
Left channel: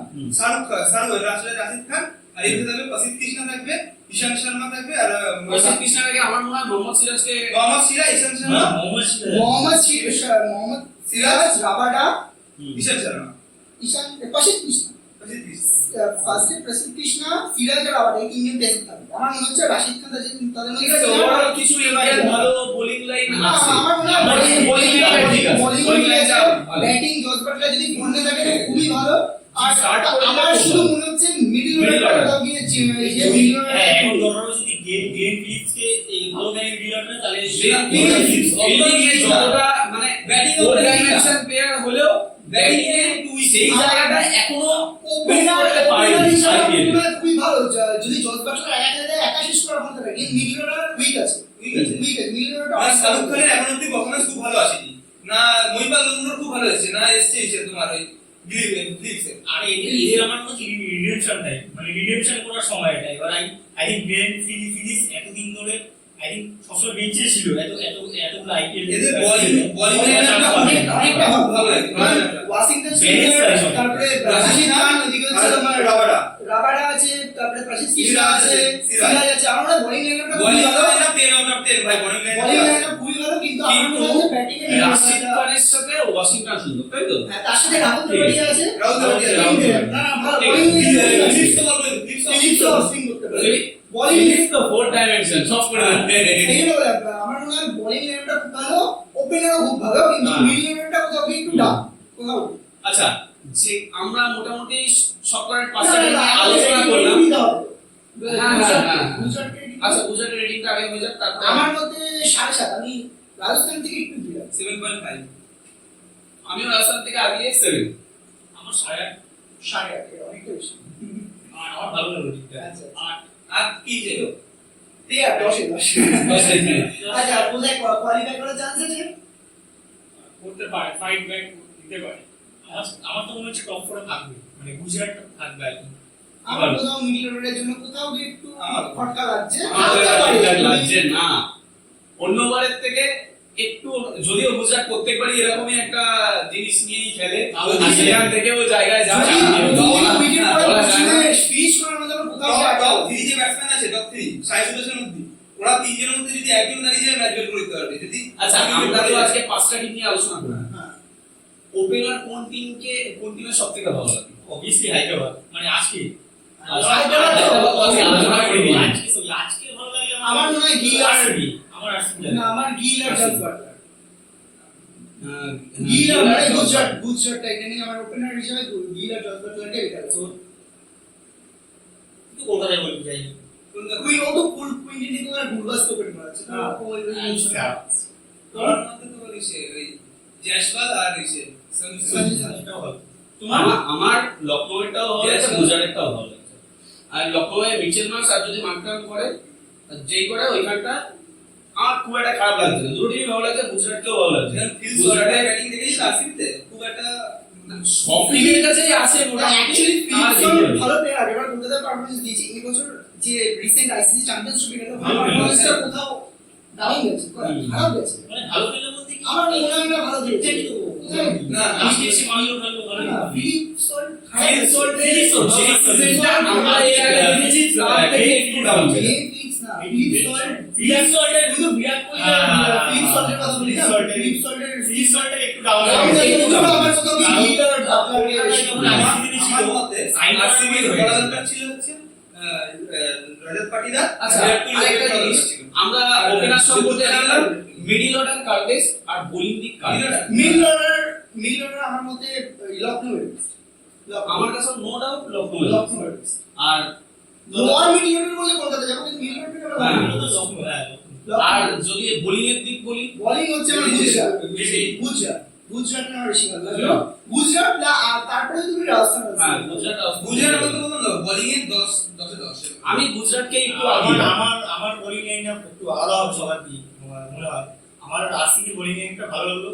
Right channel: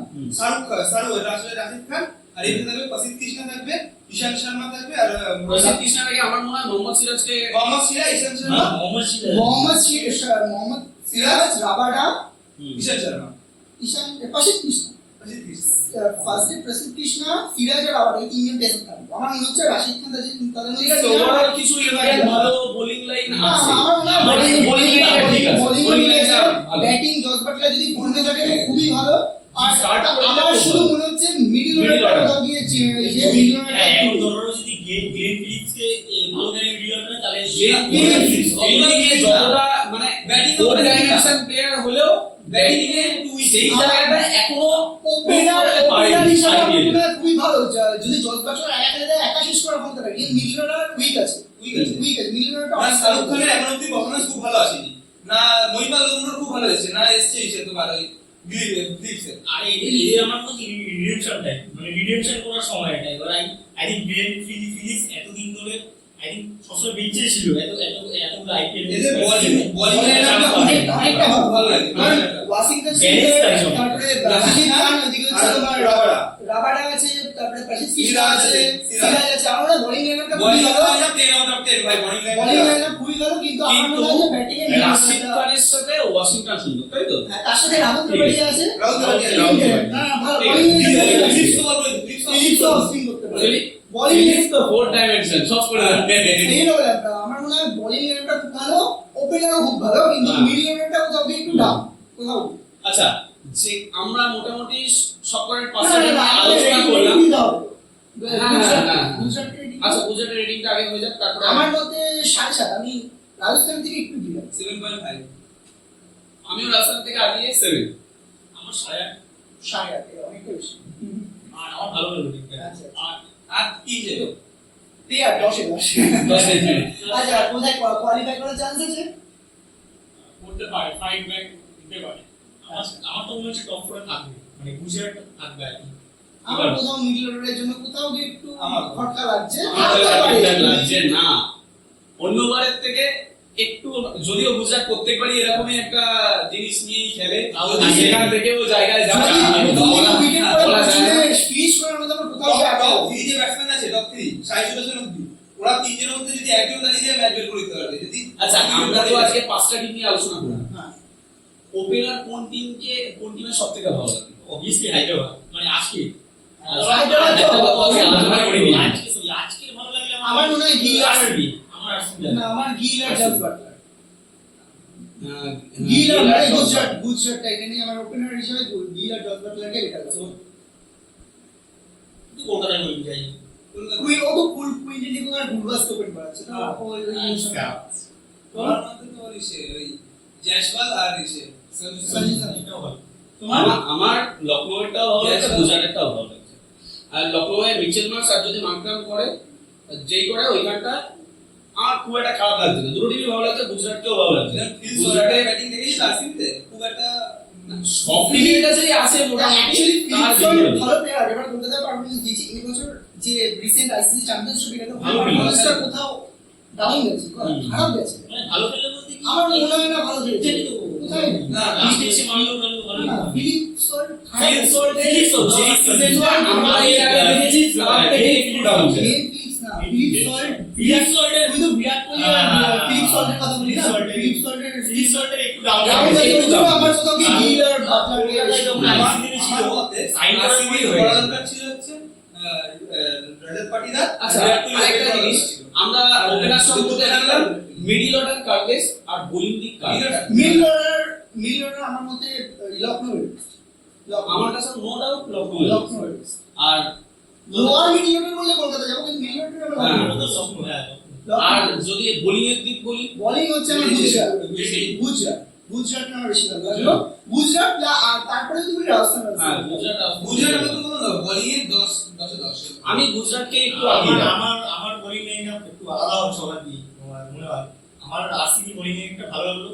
রাশিদ খান, আর এখানে থাকবে প্রসিদ্ধ কৃষ্ণা থাকবে, ঈশান শর্মা থাকবে, আর প্রসিদ্ধ কৃষ্ণার আগে আমার মনে হয় মোহাম্মদ সিরাজকে মোহাম্মদ সিরাজ, ঈশান না, শর্মা, মোহাম্মদ সিরাজ। মোহাম্মদ সিরাজ, রাবাডা, ঈশান শর্মা, ঈশান, প্রসিদ্ধ কৃষ্ণ। প্রসিদ্ধ কৃষ্ণা। ফার্স্টে প্রসিদ্ধ কৃষ্ণ, সিরাজ আর রাবাডা, এই তিনজন টেস্ট থাকবে। আমার মনে হচ্ছে রাশিদ খান তাদের ঠিক মধ্যে আছে, ওভারঅল কিছু ইন্ডিয়ান ভালো বোলিং লাইন না, আছে। আমার মনে হয় বোলিং লাইন ঠিক আছে, বোলিং লাইন ভালো। ব্যাটিং জস বাটলার যদি বলতে থাকে খুবই ভালো। আর Start করে আমার দিলে শুধু খুব মনে হচ্ছে মিডল Middle order। অর্ডার গিয়েছে, এই যে মিডল হ্যাঁ, এখন অর্ডার ধরো যদি গ্লেন ফিলিপসকে এই ভালো গাড়ি ভিডিও করে তাহলে যতটা মানে ব্যাটিং ওর ডাইমেনশন প্লেয়ার হলেও ব্যাটিং এ সেই জায়গাটা এখনো ওপেনার পারেনি হিসেবে IPL এ। খুবই ভালো। যদি জস বাটলার একা শেষ করার ক্ষমতা রাখে, মিডল অর্ডার উইক আছে, উইক আছে। মিডল না, অর্ডার শাহরুখ খানের এখন অব্দি পারফরমেন্স খুব ভালো আসেনি, না মহিপাল লংডোর খুব ভালো এসেছে, না এসছে তোমার ওই ফিলিপসের। আর এদের আমার মনে হচ্ছে রিডেমশন টাইম, মানে রিডেমশন করার সময় এটা। এবার আই থিঙ্ক গ্লেন ফিলিপস এতদিন ধরে আই থিঙ্ক সবসময় বেঞ্চে ছিল, এতগুলো আইপিএল এদের বোলিং লাইনটা অনেকটা ভালো লাগে। ওয়াশিংটন Bennis সুন্দর, আছে। তারপরে রাশিদ খান, ওদিকে হচ্ছে তোমার রাবাডা, রাবাডা আছে, তারপরে প্রসিদ্ধ কৃষ্ণ সিরাজ আছে, আছে, সিরাজ। সিরাজ আছে। আমরা বোলিং লাইনটা খুবই বোলিং ভালো। লাইনটা 10 আউট অফ 10 ভাই, বোলিং বোলিং লাইনটা লাইনটা খুবই খুবই ভালো, কিন্তু আমার মনে হয় যে ব্যাটিং এ রাশিদ খানের সাথে ওয়াশিংটন সুন্দর, তাই তো? হ্যাঁ, তার সাথে রাহুল ত্রিপাঠী আছে। রাহুল ত্রিপাঠী আছে। রাহুল ত্রিপাঠী। না, না, ভালো ঠিক bowling আছে। এ ফিলিপস তো বল করে ফিলিপস স্পিন করতে পারে। Bowling is the fourth dimension, সব করে দেবে। এই হলো ব্যাপার। আমার মনে হয় বোলিং লেভেলটা খুব ভালো, ওপেনারও খুব ভালো, কিন্তু হ্যাঁ। মিডল লেভেলটা কোথাও গিয়ে একটু ডাউন কোথাও। আচ্ছা, যে আমরা মোটামুটি সকলের না, পাশে না, না, আলোচনা আমাদের করলাম। rating দিতে হবে। হ্যাঁ, হ্যাঁ, হ্যাঁ। গুজরাটের rating- আচ্ছা, গুজরাটের রেটিংটা আগে হয়ে যাক, তারপরে আমার মতে 7.5। আমি রাজস্থান থেকে একটু দিলাম 7.5 আমিও রাজস্থান থেকে আগে 7। আমার 8.5 7.5, অনেকটা বেশি। আমার ভালো লাগলো রেটিংটা। আচ্ছা। 8 আর কি যে ঠিক আছে, 10 এ 10। 10 আচ্ছা, কোথায় কোয়ালিফাই করার চান্স আছে? করতে পারে, ফাইট ব্যাক দিতে পারে। আমার তো মনে হচ্ছে টপ 4 থাকবে, মানে গুজরাট থাকবে আর কি। আমার কোথাও মিডল অর্ডারের জন্য কোথাও গিয়ে একটু আমার খটকা লাগছে। আমাদের থাকতে পারে। ঠিকঠাক লাগছে না, অন্যবারের থেকে একটু, যদিও গুজরাট প্রত্যেকবারই এরকমই একটা জিনিস নিয়েই খেলে, তাও আর সেখান থেকে ও জায়গায় যাবে, উইকেট পরে বলা যায় না। ফিনিশ করার মধ্যে আমরা কোথাও টপ গিয়ে আটকাবো। 3 যে ব্যাটসম্যান আছে, টপ 3 সাই সুদর্শন অব্দি, ওরা তিনজনের মধ্যে যদি একজন দাঁড়িয়ে যায় ম্যাচ বের করে দিতে পারবে। যদি আচ্ছা, আমরা তো আজকে 5টা টিম নিয়ে আলোচনা করলাম। হ্যাঁ। ওপেনার কোন টিমের সব থেকে ভালো লাগে? অবভিয়াসলি হায়দ্রাবাদ, মানে আজকে হায়দ্রাবাদ তো একটা কথা আজকে আলোচনা করিনি। আজকে ভালো লাগলে আমার মনে হয় গিল আর আরসিবি, আমার আরসিবি না, আমার গিল আর জস বাটলার। আহ, গিল আর গিল আর গুজরাট টাইটানিক আমার ওপেনার হিসেবে গিল আর জস বাটলারকে রেখে দেবো। কিন্তু কলকাতায় বলবি যাই কুইন ও তো ফুল কুইন্টিটি কোন আর গুলবাস্ত ওপেন করাচ্ছে তো হ্যাঁ। ওই আমার মতে তো ইসে ওই জয়সওয়াল আর ইসে সঞ্জু স্যামসন। এটাও ভালো। আমার লখনৌটাও ভালো লাগছে, গুজরাটেরটাও ভালো লাগছে। আর লখনৌয়ে মিচেল মার্কস আর যদি মার্কডাউন করে, যেই করে ওইখানটা আমার খুব একটা খারাপ লাগছে না। দুটো টিমই ভালো লাগছে, গুজরাটকেও ভালো লাগছে। ফিল্ড গুজরাটে সল্টের ব্যাটিং দেখেছিস আরসিবিতে? খুব একটা সব টিমের কাছেই আছে মোটামুটি, অ্যাকচুয়ালি তার ফিলিপসন ভিতরে। ভালো প্লেয়ার, এবার কলকাতা পারফরম্যান্স দিয়েছে এই বছর যে রিসেন্ট আইসিসি চ্যাম্পিয়নশিপ গেল ভালো পারফরম্যান্সটা কোথাও ডাউন গেছে, খারাপ গেছে। মানে ভালো খেললে বলতে কি আমার মনে হয় না ভালো খেলেছে। এটাই তো কোথায়? না, লাস্টে এসে মারলো ভালো ভালো না, ফিলিপসন খারাপ ফিল্ড গেছে। সল্টের যে সিজনটা আমরা এর আগে দেখেছি, তার থেকে একটু ডাউন ছিল। ফিলিপস না, ফিলিপসন বিরাট সল্টের কিন্তু বিরাট কোহলি আর ফিলিপসনের কথা বলি না, ফিলিপসনের ফিল্ড সল্টের একটু ডাউন ডাউন আছে। গেছে, কিন্তু আমার কোথাও কি গিল আর বাটলারকে কলকাতায় বেশি যখন ভালো। ICC ছিল, আমার মতে সাইন করার আরসিবির পরেই হয়ে বড় গেছে। দরকার ছিল হচ্ছে রজত পাটিদার। আচ্ছা, বিরাট কোহলি আরেকটা বড় জিনিস, দরকার ছিল। আমরা ওপেনার সম্পর্কে দেখলাম, মিডল অর্ডার কার্ভেস আর বোলিং দিক কার্ভেস। মিডল অর্ডার আমার মতে লখনৌ আমার কাছে নো ডাউট লখনৌ। লখনৌ আর লোয়ার মিডল অর্ডার বললে কলকাতা যাবো, কিন্তু মিডল অর্ডার হ্যাঁ। ওটা তো স্বপ্ন, হ্যাঁ। আর যদি বোলিং এর দিক বলি, বোলিং হচ্ছে আমার গুজরাট আমার বেশি ভালো লাগলো। গুজরাট আর তারপরে তুমি রাজস্থান হ্যাঁ গুজরাট গুজরাটের মতো বলুন না, বোলিং এ 10 10 10। আমি গুজরাটকে একটু আগে আমার দিলাম। আমার আমার বোলিং লাইনটা একটু আলাদা হবে সবার দিয়ে, আমার মনে হয়। আমার আরসিবি বোলিং একটা ভালো লাগলো,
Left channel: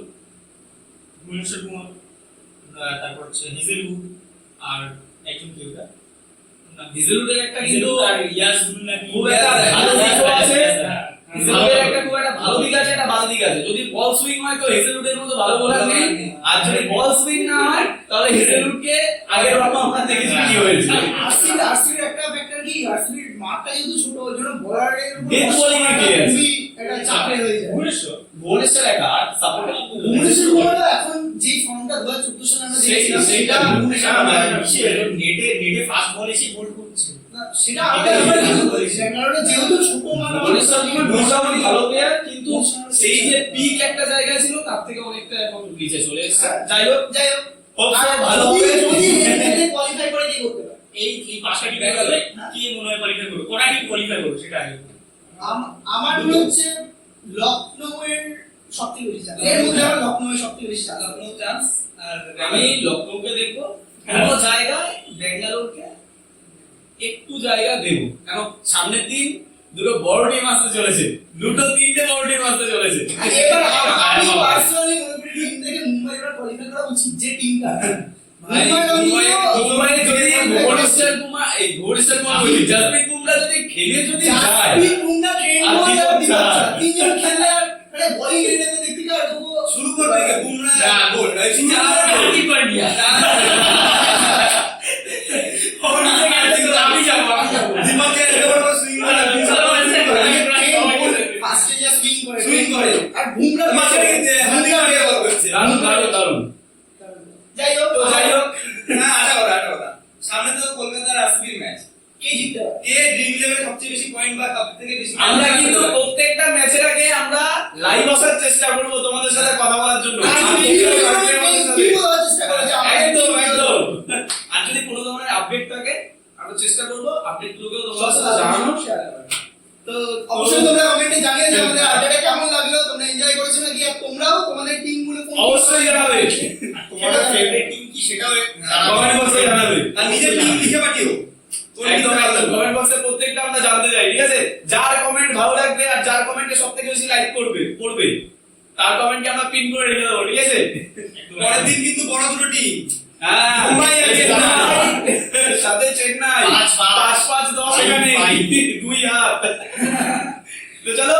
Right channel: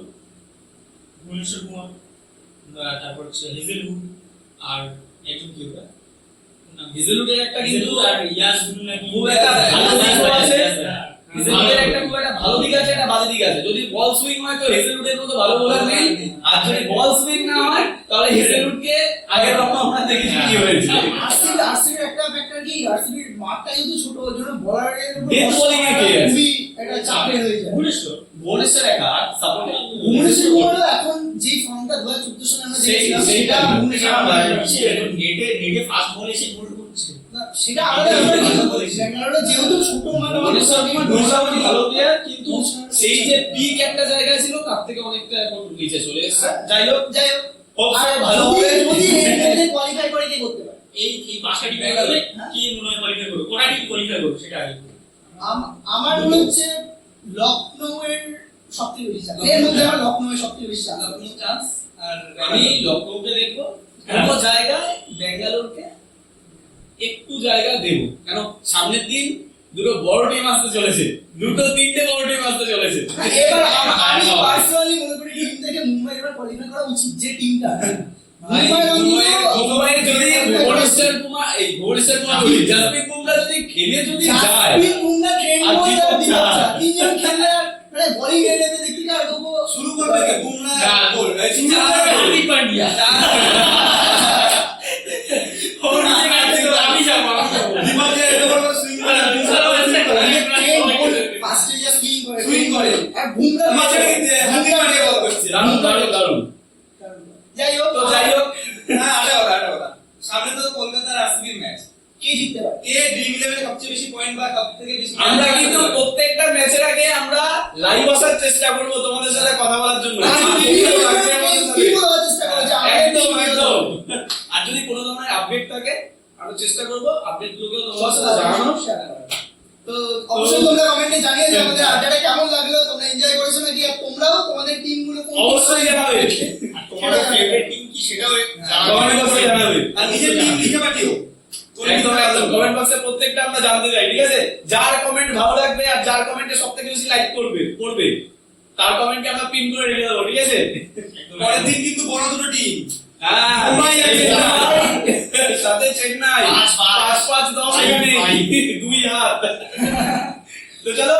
ভুবনেশ্বর কুমার, তারপর হচ্ছে হেজেলউড, আর একজন কি ওটা ভিজেলুডের একটা কিন্তু আর ইয়াসুল নাকি খুব একটা ভালো দিকও আছে। হ্যাঁ। ভিজেলুডের একটা খুব একটা ভালো দিক আছে, একটা বাজে দিক আছে। যদি বল সুইং হয় তো হেজেলউডের মতো ভালো বোলার নেই, আর যদি বল সুইং না হয় তাহলে হেজেলউডকে আগের বার আমরা দেখেছি কি হয়েছে। আরসিবির একটা ফ্যাক্টর কি, আরসিবির মাঠটা যেহেতু ছোট, ওই জন্য বোলারের উপর Death bowling এ clear। খুবই একটা চাপের হয়ে যায়। ভুবনেশ্বর ভুবনেশ্বর একা সাপোর্ট ভুবনেশ্বর কুমারও এখন যে ফর্মটা 2014 সালে আমরা দেখেছিলাম, সেটা ভুবনেশ্বর নেটে ফাস্ট বল এসে গোল করছে। না, সেটা আলাদা ব্যাপার, কিন্তু ব্যাঙ্গালোরে যেহেতু ছোট মাঠ, ভুবনেশ্বর কুমার মোটামুটি ভালো প্লেয়ার, কিন্তু সেই যে পিক একটা জায়গায় ছিল তার থেকে অনেকটা এখন নিচে চলে এসেছে। যাই হোক, যাই হোক, Hopefully আর ভালো যদি হবে। এর মধ্যে কোয়ালিফাই করে কি করতে পারে? এই পাঁচটা টিম গেলে কি মনে হয় কোয়ালিফাই করবে, কোটা টিম কোয়ালিফাই করবে সেটা আগে বলো। আমার মনে হচ্ছে লখনৌয়ের সবথেকে বেশি চান্স, এর মধ্যে আমার লখনৌয়ের সবথেকে বেশি চান্স। লখনৌ চান্স আর আমি লখনৌকে দেখবো, কোনো জায়গায় ব্যাঙ্গালোরকে একটু জায়গা দেবো, কারণ সামনের দিন দুটো বড় টিম আসতে চলেছে, দুটো তিনটে বড় টিম আসতে চলেছে। এবার আমি পার্সোনালি মনে করি টিম থেকে মুম্বাই এবার কোয়ালিফাই করা উচিত, যে টিমটা মুম্বাইয়ে যদি ভুবনেশ্বর কুমার বলছি, জাসপ্রীত বুমরা যদি খেলে যদি যায়, জাসপ্রীত বুমরা ট্রেন্ড আর বল কি আর করছে? তিনজন খেললে আর মানে বোলিং এলেতে দেখি আর তবুও শুরু করবে কে বুমরা গোল রাইট হার্দিক পান্ডিয়া আমি যাবো দীপকের এত বড় সুইং করে ফার্স্টে যা সুইং করে বোলিং করে আর বুমরা মাঝখানে কিন্তু হাতি মারিয়ে বল করছে দারুণ দারুণ দারুণ। যাই হোক তো যাই হোক, হ্যাঁ আটা কথা সামনে তো কলকাতার আরসিবির ম্যাচ কে জিততে পারে? কে ড্রিম ইলেভেনে সবচেয়ে বেশি পয়েন্ট বা সব থেকে বেশি আমরা কিন্তু প্রত্যেকটা ম্যাচের আগে আমরা লাইভ আসার চেষ্টা করব তোমাদের সাথে কথা বলার জন্য। কি বলার চেষ্টা করে যে আমাদের একদম team একদম। আর যদি কোনো ধরনের আপডেট থাকে আরো চেষ্টা করব আপডেট গুলোকেও তোমাদের সাথে জানানো। তো অবশ্যই তোমরা কমেন্টে জানিয়ে যে আমাদের আড্ডাটা কেমন লাগলো, তোমরা এনজয় করেছো নাকি, আর তোমরাও তোমাদের টিম গুলো কোন অবশ্যই জানাবে, আর তোমাদের ফেভারিট টিম কি সেটাও কমেন্ট বক্সে জানাবে। আর নিজের টিম লিখে পাঠিও একদম একদম কমেন্ট বক্সে প্রত্যেকটা আমরা জানতে চাই, ঠিক আছে? যার কমেন্ট ভালো লাগবে আর যার কমেন্টে সবথেকে বেশি লাইক করবে তার কমেন্টকে আমরা পিন করে রেখে দেবো, ঠিক আছে? পরের দিন কিন্তু বড় দুটো টিম হ্যাঁ, মুম্বাই আর চেন্নাই। সাথে চেন্নাই 5-5 5-5-10 এখানে 2 হাত। তো চলো